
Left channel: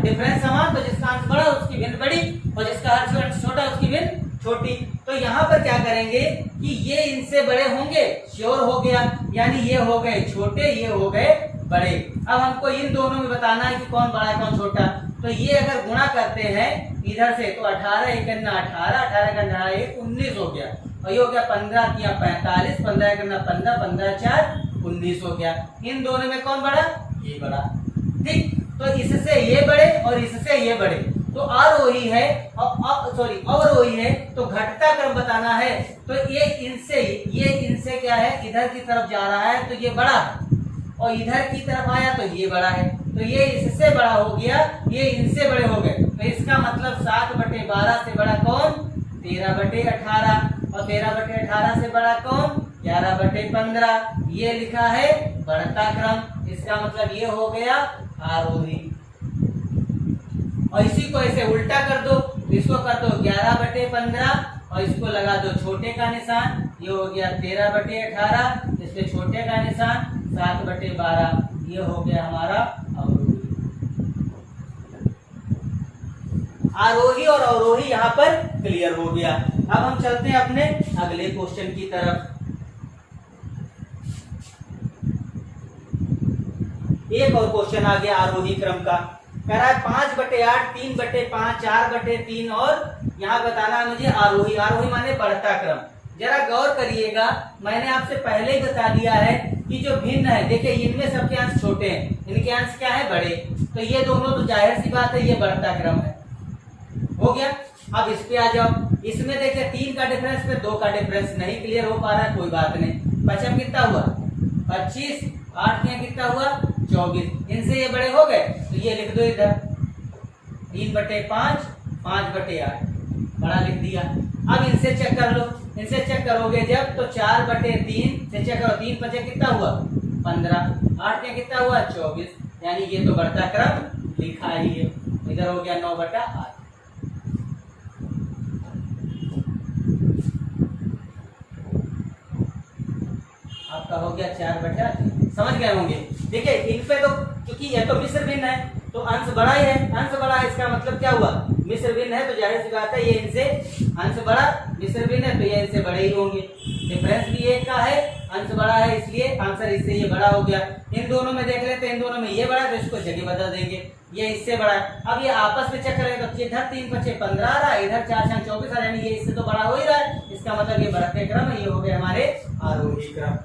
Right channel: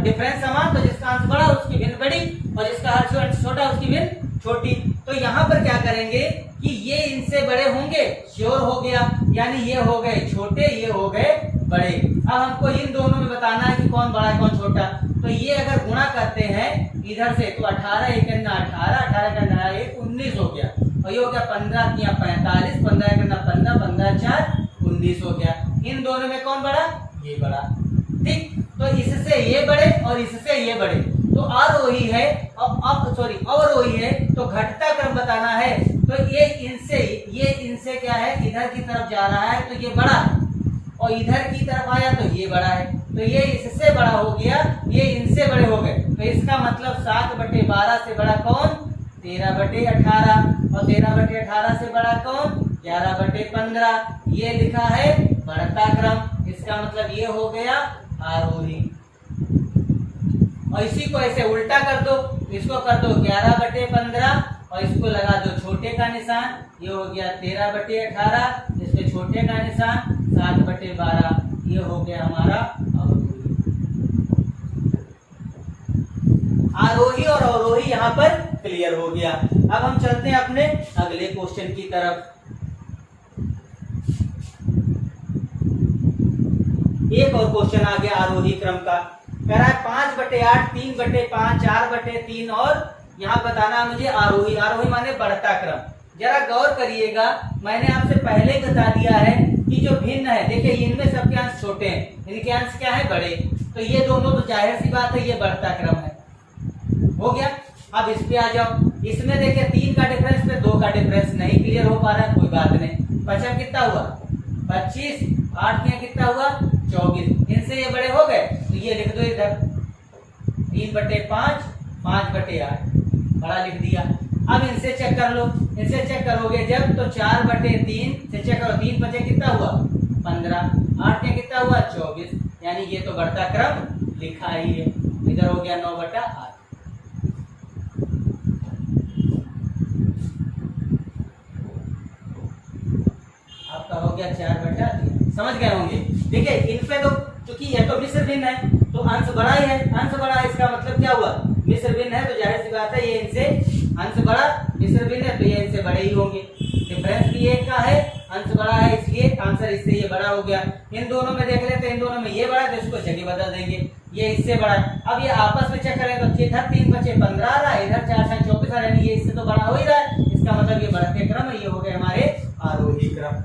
डिफरेंस समान, तो जिसका अंश बड़ा उसकी भिन्न बड़ी और जिसका अंश छोटा उसकी भिन्न छोटी। तो यहाँ पर क्या करेंगे कि ये इनसे बड़े होंगे, श्योर हो गया, यानी ये हो गए छोटे, ये हो गए बड़े। अब हमको इन दोनों में बताना है कि कौन बड़ा है कौन छोटा। तो ये अगर गुणा करते हैं इधर से तो 18 1 18, 18 का 19 हो गया, और ये हो गया 15 या 45, 15 करना 15, 15 4 19 हो गया। इन दोनों में कौन बड़ा? ये बड़ा। ठीक, तो इससे ये बड़े और इससे ये बड़े, तो आरोही है अवरोही है, तो घटता क्रम बताना है। तो ये इनसे क्या है? इधर की तरफ जा रहा है तो ये बड़ा है, और इधर की तरफ आया तो ये बड़ा है, तो ये इससे बड़ा हो गया, ये इनसे बड़े हो गए। तो इसका मतलब 7/12 से बड़ा कौन? 13/18, और 13/18 से बड़ा कौन? 11/15। ये लिखा है बढ़ता क्रम, इसका मतलब ये हो गया आरोही। और इसी को ऐसे उल्टा कर दो, इसको कर दो 11/15 और इसको लगा दो छोटे का निशान, ये हो गया 13/18, इसके छोटे का निशान 7/12। ये हो गया हमारा अवरोही। आरोही और अवरोही यहाँ पर क्लियर हो गया। अब हम चलते हैं अपने अगले क्वेश्चन की तरफ। एक और क्वेश्चन आ गया आरोही क्रम का। कह रहा है 5/8, 3/5, 4/3 और यहाँ बताना है मुझे आरोही। आरोही माने बढ़ता क्रम। जरा गौर करिएगा, मैंने आपसे पहले ही बता दिया है कि जो भिन्न है, देखिए इनमें सबके अंश छोटे हैं, इनके अंश क्या है बड़े, तो ये दोनों तो जाहिर सी बात है ये बढ़ता क्रम है। हो गया। अब इस पे आ जाओ। इसमें देखिए 3 का डिफरेंस में 2 का डिफरेंस नहीं क्लियर हो पा रहा है, कोई बात नहीं। 5 कितना हुआ 25, 8 में कितना हुआ 24, इनसे ये बड़े हो गए तो ये लिख दो इधर 3/5, 5/8 बड़ा लिख दिया। अब इनसे चेक कर लो, इनसे चेक करोगे जब तो 4/3 से चेक करो, 3 बचे कितना हुआ 15, 8 में कितना हुआ 24, यानी ये तो बढ़ता क्रम लिखा ही है। इधर हो गया 9/8। आपका हो गया 4/3। समझ गए होंगे। देखिए इन पे तो क्योंकि ये तो मिश्र भिन्न है तो अंश बड़ा ही है, अंश बड़ा है इसका मतलब क्या हुआ मिश्र भिन्न है, तो जाहिर सी बात है ये इनसे अंश बड़ा, मिश्र भिन्न है तो ये इनसे बड़े ही होंगे। डिफरेंस भी एक का है, अंश बड़ा है, इसलिए आंसर इससे ये बड़ा हो गया। इन दोनों में देख लेते हैं, इन दोनों में ये बड़ा है तो इसको जगह बदल देंगे, ये इससे बड़ा है। अब ये आपस में चेक करें तो इधर 3 बचे 15 आ रहा है, इधर 4 4 24 आ रहा है, यानी ये इससे तो बड़ा हो ही रहा है। इसका मतलब ये बढ़ते क्रम है, ये हो गए हमारे आरोही क्रम।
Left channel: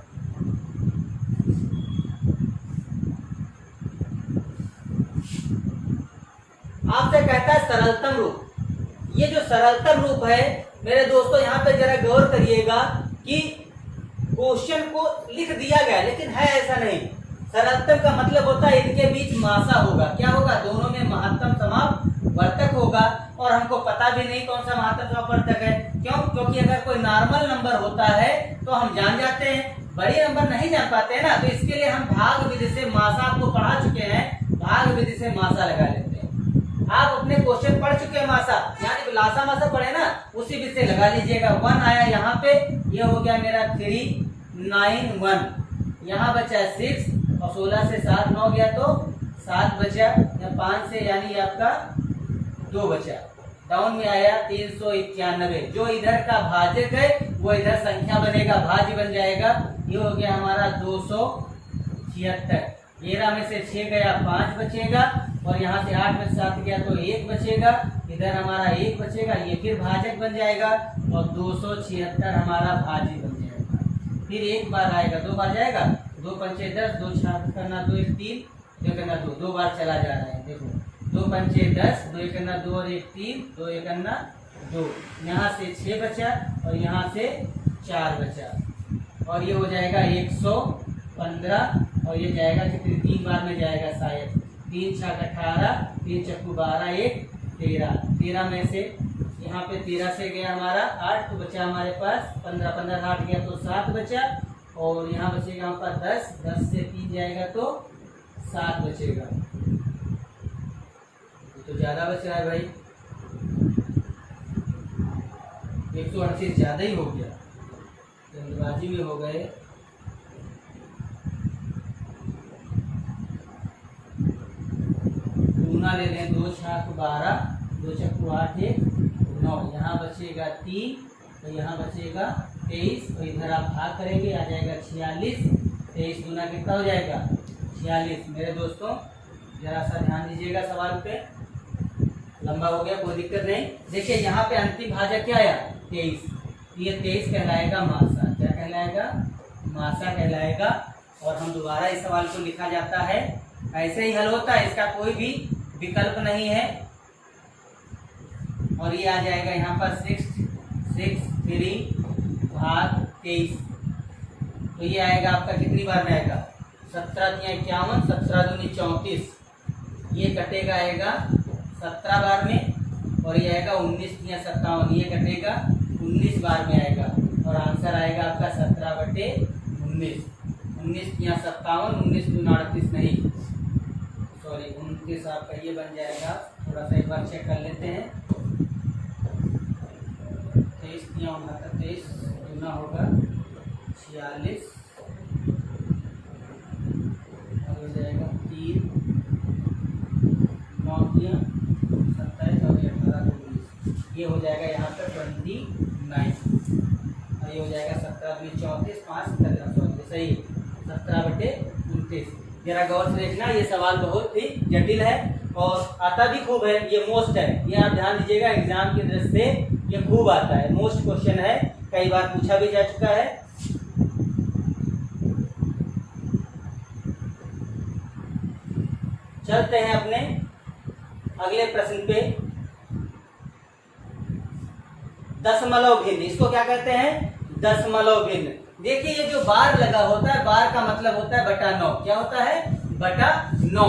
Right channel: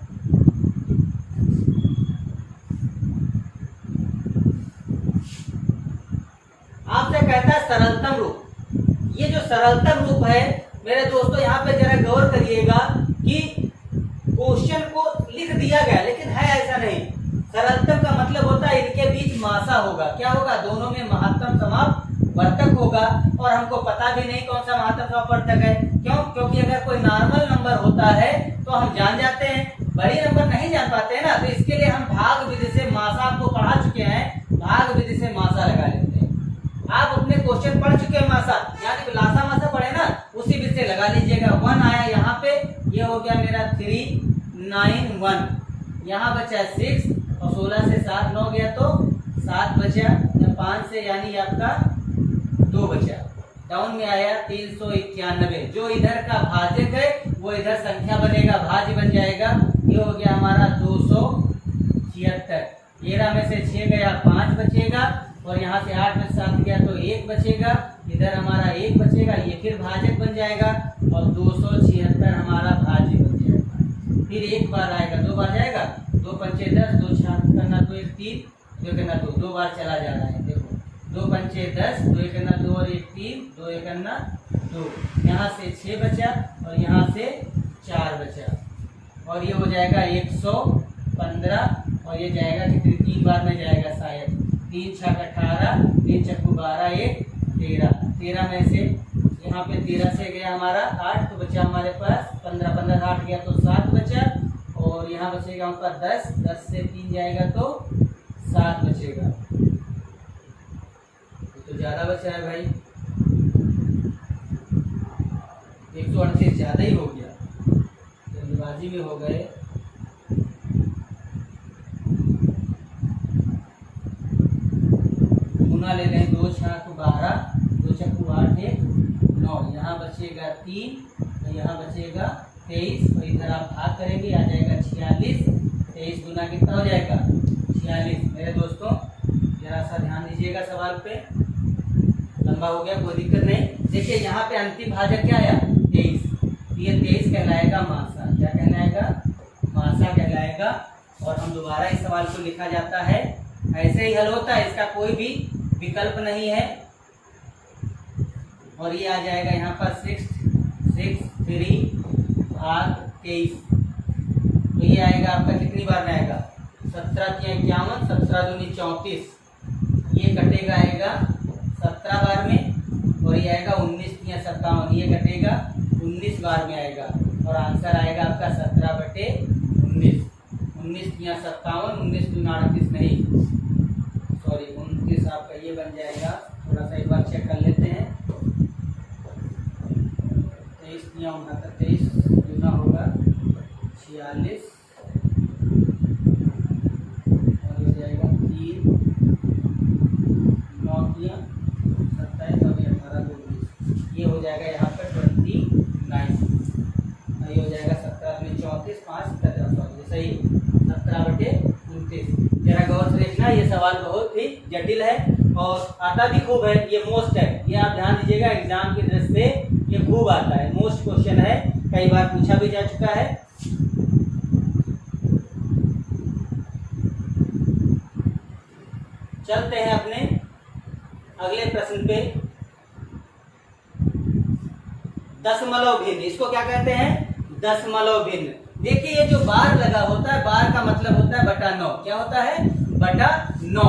आपसे कहता है सरलतम रूप। ये जो सरलतम रूप है मेरे दोस्तों, यहाँ पे जरा गौर करिएगा कि क्वेश्चन को लिख दिया गया लेकिन है ऐसा नहीं। सरलतम का मतलब होता है इनके बीच मासा होगा। क्या होगा, दोनों में महत्तम समापवर्तक होगा, और हमको पता भी नहीं कौन सा महत्तम समापवर्तक है। क्यों? क्योंकि अगर कोई नॉर्मल नंबर होता है तो हम जान जाते हैं, बड़ी नंबर नहीं जान पाते हैं ना, तो इसके लिए हम भाग विधि से मासा, आपको पढ़ा चुके हैं, भाग विधि से मासा लगा लेते हैं। आप अपने क्वेश्चन पढ़ चुके हैं मासा, यानी लासा मासा पढ़े ना, उसी विधि से लगा लीजिएगा। 1 आया यहाँ पे, ये हो गया मेरा 391, यहाँ बचा 6 और 16 से 7 9 गया तो 7 बचा, 5 से यानी आपका 2 बचा। डाउन में आया 391, जो इधर का भाजक है वो इधर संख्या बनेगा, भाज्य बन जाएगा। ये हो गया हमारा 276। 13 में से 6 गया 5 बचेगा, और यहाँ से 8 में से 7 गया तो 1 बचेगा, इधर हमारा 1 बचेगा, ये फिर भाजक बन जाएगा, और 276 हमारा भाज्य बन जाएगा। फिर एक बार आएगा, 2 बार जाएगा, 2 पंचे 10, 2 6 करना 2 1 3, 2 करना 2, 2 बार चला जा रहा है। देखो 2 पंचे 10, 2 1 करना 2 और 1 3, 2 1 करना 2, यहाँ से 6 बचा और यहाँ से 4 बचा, और ये हो जाएगा 115, और ये जाएगा कितनी 3 बार में जाएगा शायद, 3 6 18, 3 चक्कू 12, 1 13, 13 में से यहाँ पे 13 से गया हमारा 8, तो बचा हमारे पास 15, 15 8 गया तो 7 बचा, और यहाँ बचेगा हमारे पास 10, 10 से 3 जाएगा तो 7 बचेगा, तो ज्यादा बचा है भाई, 138 ज्यादा ही हो गया, जल्दबाजी में हो गए। गुना ले लें, 2 6 12, 2 चक्कू 8 1 9, यहाँ बचेगा 3, तो यहाँ बचेगा 23, और इधर आप भाग करेंगे आ जाएगा 46, 23 गुना कितना हो जाएगा 46। मेरे दोस्तों जरा सा ध्यान दीजिएगा, सवाल पे लंबा हो गया कोई दिक्कत नहीं। देखिए यहाँ पे अंतिम भाजक क्या आया 23, ये 23 कहलाएगा मासा। क्या कहलाएगा, मासा कहलाएगा। और हम दोबारा इस सवाल को लिखा जाता है, ऐसे ही हल होता है, इसका कोई भी विकल्प नहीं है। और ये आ जाएगा यहाँ पर 663 भाग 23, तो ये आएगा आपका कितनी बार में आएगा 17 × 51, 17 दूनी 34, ये कटेगा आएगा 17 बार में, और ये आएगा 19 × 57, ये कटेगा 19 बार में आएगा, और आंसर आएगा आपका 17/19। 19 × 57, 19 दूनी 38 नहीं, सॉरी 29 आपका ये बन जाएगा। थोड़ा सा एक बार चेक कर लेते हैं, 23 × 29 दूना होगा 46, और हो जाएगा ये हो जाएगा यहाँ पर 29, और ये हो जाएगा 17 अपने 34, 5 17 सही 17/29। जरा गौर से देखना, ये सवाल बहुत ही जटिल है और आता भी खूब है, ये मोस्ट है, ये आप ध्यान दीजिएगा, एग्जाम की दृष्टि से ये खूब आता है, मोस्ट क्वेश्चन है, कई बार पूछा भी जा चुका है। चलते हैं अपने अगले प्रश्न पे। दशमलव भिन्न, इसको क्या कहते हैं? दशमलव भिन्न। देखिए ये जो बार लगा होता है, बार का मतलब होता है बटा 9। क्या होता है? बटा 9।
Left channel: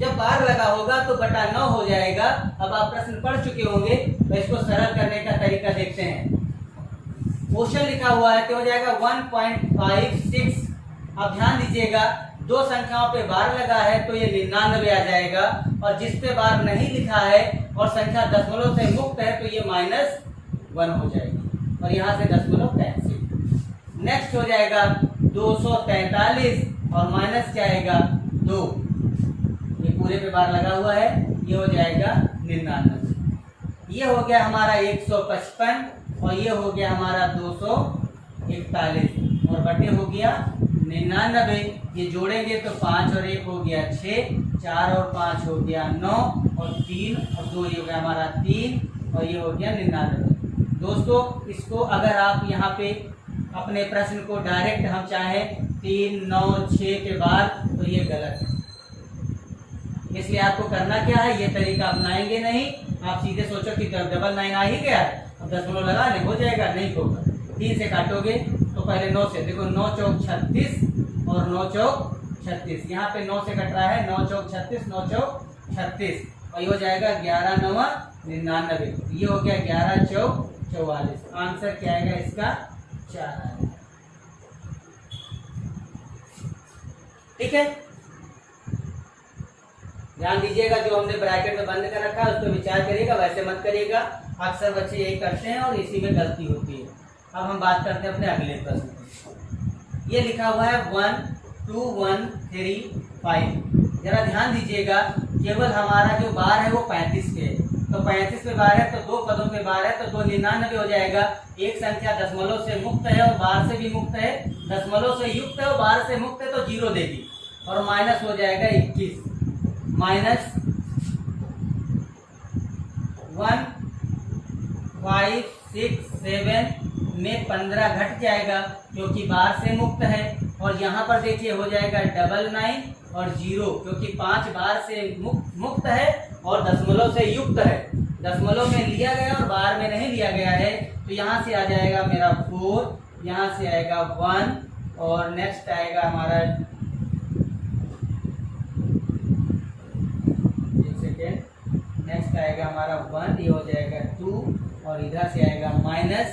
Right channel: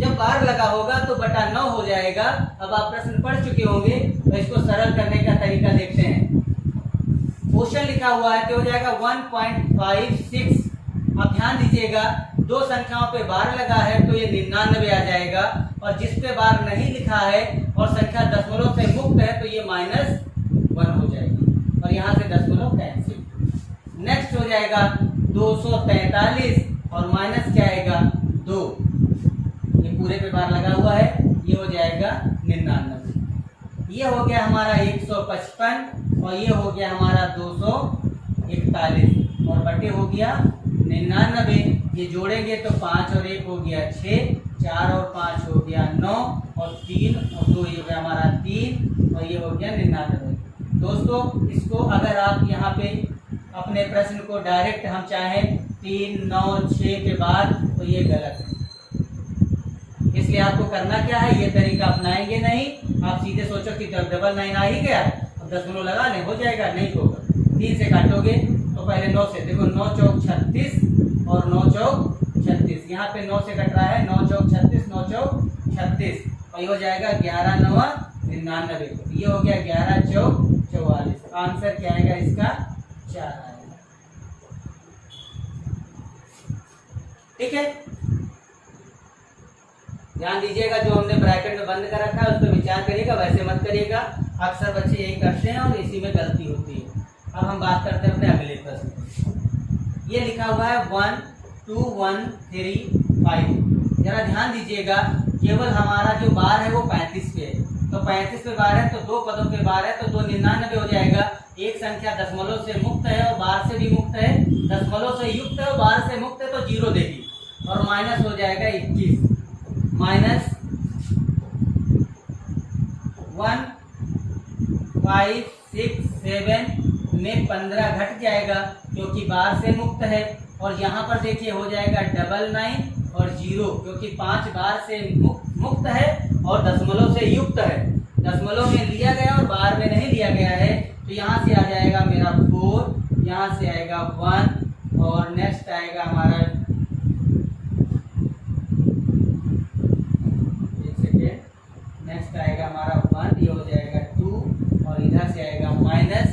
जब बार लगा होगा तो बटा 9 हो जाएगा। अब आप प्रश्न पढ़ चुके होंगे तो इसको सरल करने का तरीका देखते हैं। क्वेश्चन लिखा हुआ है तो हो जाएगा 1.56। अब ध्यान दीजिएगा, दो संख्याओं पे बार लगा है तो ये 99 आ जाएगा, और जिस पे बार नहीं लिखा है और संख्या दशमलव से मुक्त है तो ये -1 हो जाएगी, और यहाँ से दशमलव कैंसिल। नेक्स्ट हो जाएगा 243 और माइनस क्या आएगा 2, ये पूरे पे बार लगा हुआ है, ये हो जाएगा 99। ये हो गया हमारा 155 और ये हो गया हमारा 241 और बटे हो गया 99। ये जोड़ेंगे तो 5 और 1 हो गया 6, 4 और 5 हो गया 9 और 3 और 2 ये हो गया हमारा 3 और ये हो गया 99। दोस्तों इसको अगर आप यहाँ पे अपने प्रश्न को डायरेक्ट हम चाहें 3, 9, 6 के बाद तो ये गलत है, इसलिए आपको करना क्या है, ये तरीका अपनाएंगे नहीं। आप सीधे सोचो कि डबल 9 आ ही गया है, अब दशमलव लगा ले, हो जाएगा, नहीं होगा। 3 से काटोगे तो पहले 9 से, देखो 9 चौक 36 और 9 चौक 36, यहाँ पे 9 से कट रहा है, 9 चौक 36, 9 चौक 36 और ये हो जाएगा 11 9 99, ये हो गया 11 चौक 44। आंसर क्या आएगा इसका? 4 आएगा। ठीक है, ध्यान दीजिएगा, जो हमने ब्रैकेट में बंद कर रखा है उस पर विचार करिएगा, वैसे मत करिएगा। अक्सर बच्चे यही करते हैं और इसी में गलती होती है। अब हम बात करते हैं अपने अगले प्रश्न की। ये लिखा हुआ है 1 2 1 3 5। जरा ध्यान दीजिएगा, केवल हमारा जो बार है वो 35 पे है, तो 35 पे बार है तो दो पदों पे बार है तो 299 हो जाएगा। एक संख्या दशमलव से मुक्त है और बार से भी मुक्त है, दशमलव से युक्त है और बार से मुक्त है तो 0 देगी, और माइनस हो जाएगा 21। -1 5 6 7 में 15 घट जाएगा क्योंकि बार से मुक्त है, और यहाँ पर देखिए हो जाएगा 99 और 0 क्योंकि 5 बार से मुक्त है और दशमलव से युक्त है। दशमलव में लिया गया और बार में नहीं लिया गया है, तो यहाँ से आ जाएगा मेरा 4, यहाँ से आएगा 1 और नेक्स्ट आएगा हमारा, नेक्स्ट आएगा हमारा 1, ये हो जाएगा 2 और इधर से आएगा माइनस,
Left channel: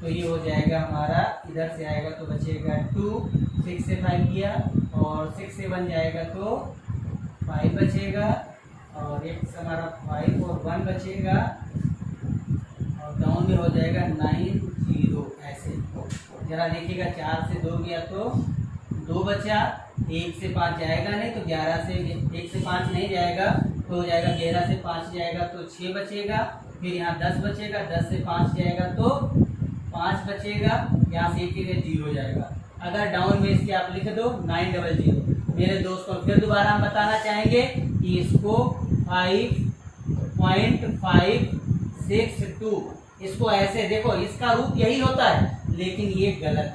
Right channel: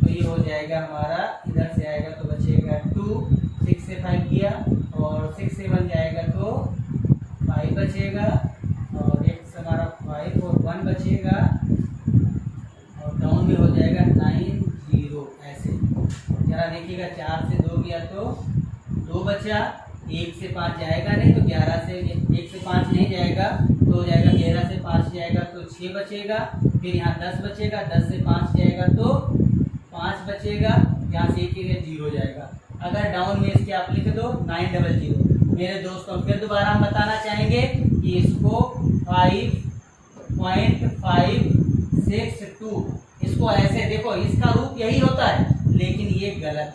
तो ये हो जाएगा हमारा, इधर से आएगा तो बचेगा 2, 6 से 5 किया और 6 से 1 जाएगा तो 5 बचेगा, और एक से हमारा 5 और 1 बचेगा, और डाउन में हो जाएगा 9 0 ऐसे। जरा देखिएगा 4 से 2 गया तो 2 बचा, 1 से 5 जाएगा नहीं तो 11 से 1 से 5 नहीं जाएगा तो हो जाएगा 11 से 5 जाएगा तो 6 बचेगा, फिर यहाँ 10 बचेगा, 10 से 5 जाएगा तो 5 बचेगा, यहाँ से 1 0 जाएगा। अगर डाउन में इसके आप लिख दो 900। मेरे दोस्तों फिर दोबारा हम बताना चाहेंगे कि इसको 5.562, इसको ऐसे देखो, इसका रूप यही होता है लेकिन ये गलत है,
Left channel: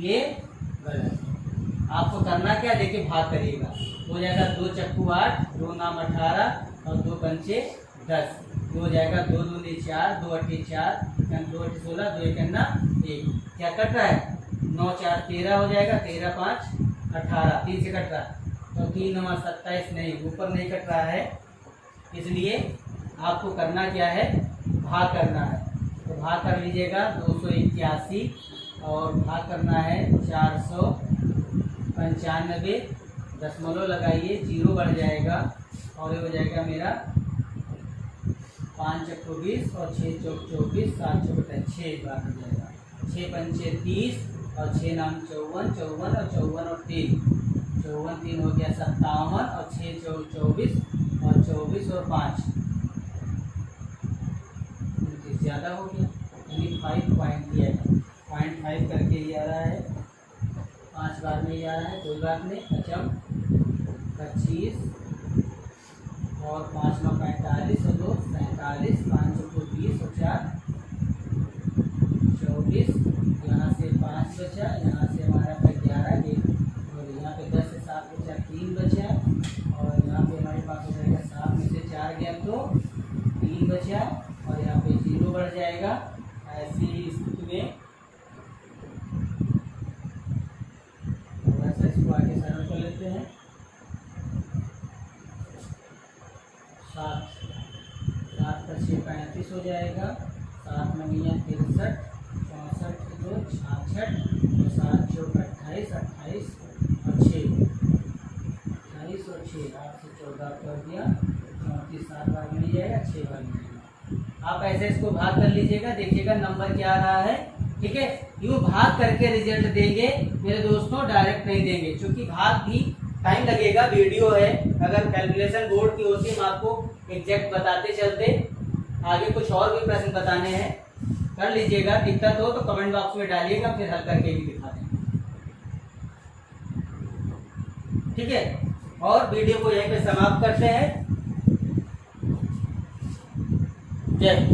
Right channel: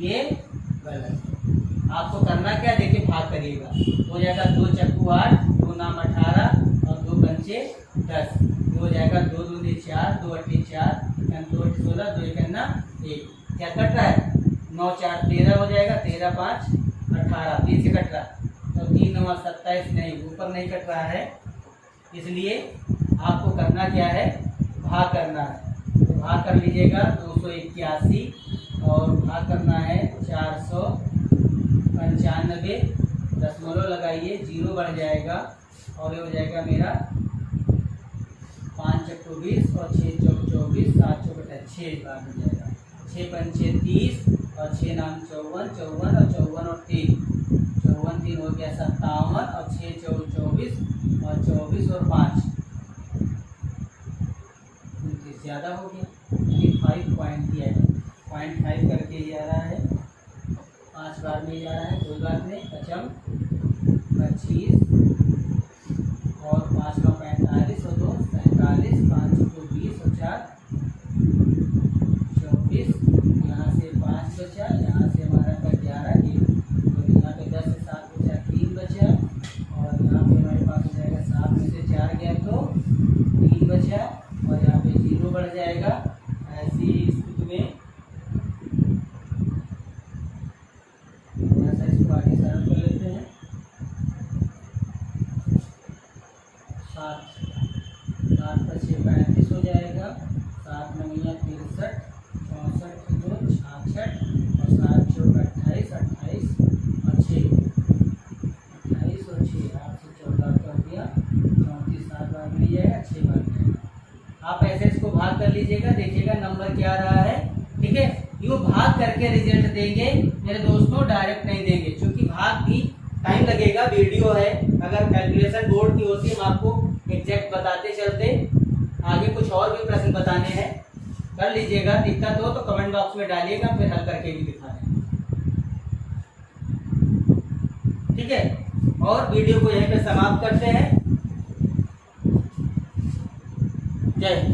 ये गलत है। आपको करना क्या, देखिए भाग करिएगा, हो जाएगा 2 चक्कू 8, 2 नाम 18 और 2 पंचे 10, हो जाएगा 2 दूनी 4, 2 अट्ठी 4, 2 अट्ठी 16, 2 एक 1। क्या कट रहा है? 9 4 13 हो जाएगा, 13 5 18, 3 से कट रहा है तो 3 9 27, नहीं ऊपर नहीं कट रहा है, इसलिए आपको करना क्या है, भाग करना है। तो भाग कर लीजिएगा 281 और भाग करना है 495, दशमलव लगाइए, 0 बढ़ जाएगा और ये हो जाएगा मेरा 5 चक्को 20 और 6 चौक 24, 7 चौक 6 बार हो जाएगा, 6 पंचे 30 और 6 नाम 54, 54 और 54 और 3, 54 3 हो गया 57 और 6 चौक 24 और 24 और 5 ज़्यादा हो गया, यानी 5 पॉइंट दिया है, 0.5 करके ये आ रहा है, 5 बार में ये आ रहा है, कोई बात नहीं। पचम 25 और 5 9 45 और 2 47, 5 को 20 और 4 24, यहाँ से 5 बचा, यहाँ से हमारा का 11 1, तो यहाँ पे 10 से 7 बचा, 3 बचा, और यहाँ पे हमारे पास हो जाएगा 7 में से 4 गया तो 3 बचा, और यहाँ पे 0 बढ़ जाएगा। ऐसी स्थिति में थोड़ा सा इसको आगे सरल कर लेते हैं। 7 7 का 6 35 हो जाएगा, 7 नंगियाँ 63, 64 2 66, और 7 चौक 28, 28 और 6 28 और 6 8 से 14 कर दिया, 34 7 बार मिल जाएगा, 6 बार मिलेगा। आप ऐसे इसको भाग कर लीजिएगा, देखिएगा नंबर क्या आ रहा है। ठीक है, यूँ भाग करके रिजल्ट देंगे मेरे दोस्तों, डायरेक्ट नहीं देंगे, क्योंकि भाग भी टाइम लगेगा, वीडियो है। अगर कैलकुलेशन बोर्ड की होती हम आपको एग्जैक्ट बताते चलते। आगे कुछ और भी प्रश्न बताने हैं, कर लीजिएगा। दिक्कत हो तो कमेंट बॉक्स में डालिएगा, फिर हल करके भी दिखा देंगे। ठीक है, और वीडियो को यहीं पे समाप्त करते हैं। जय हिंद।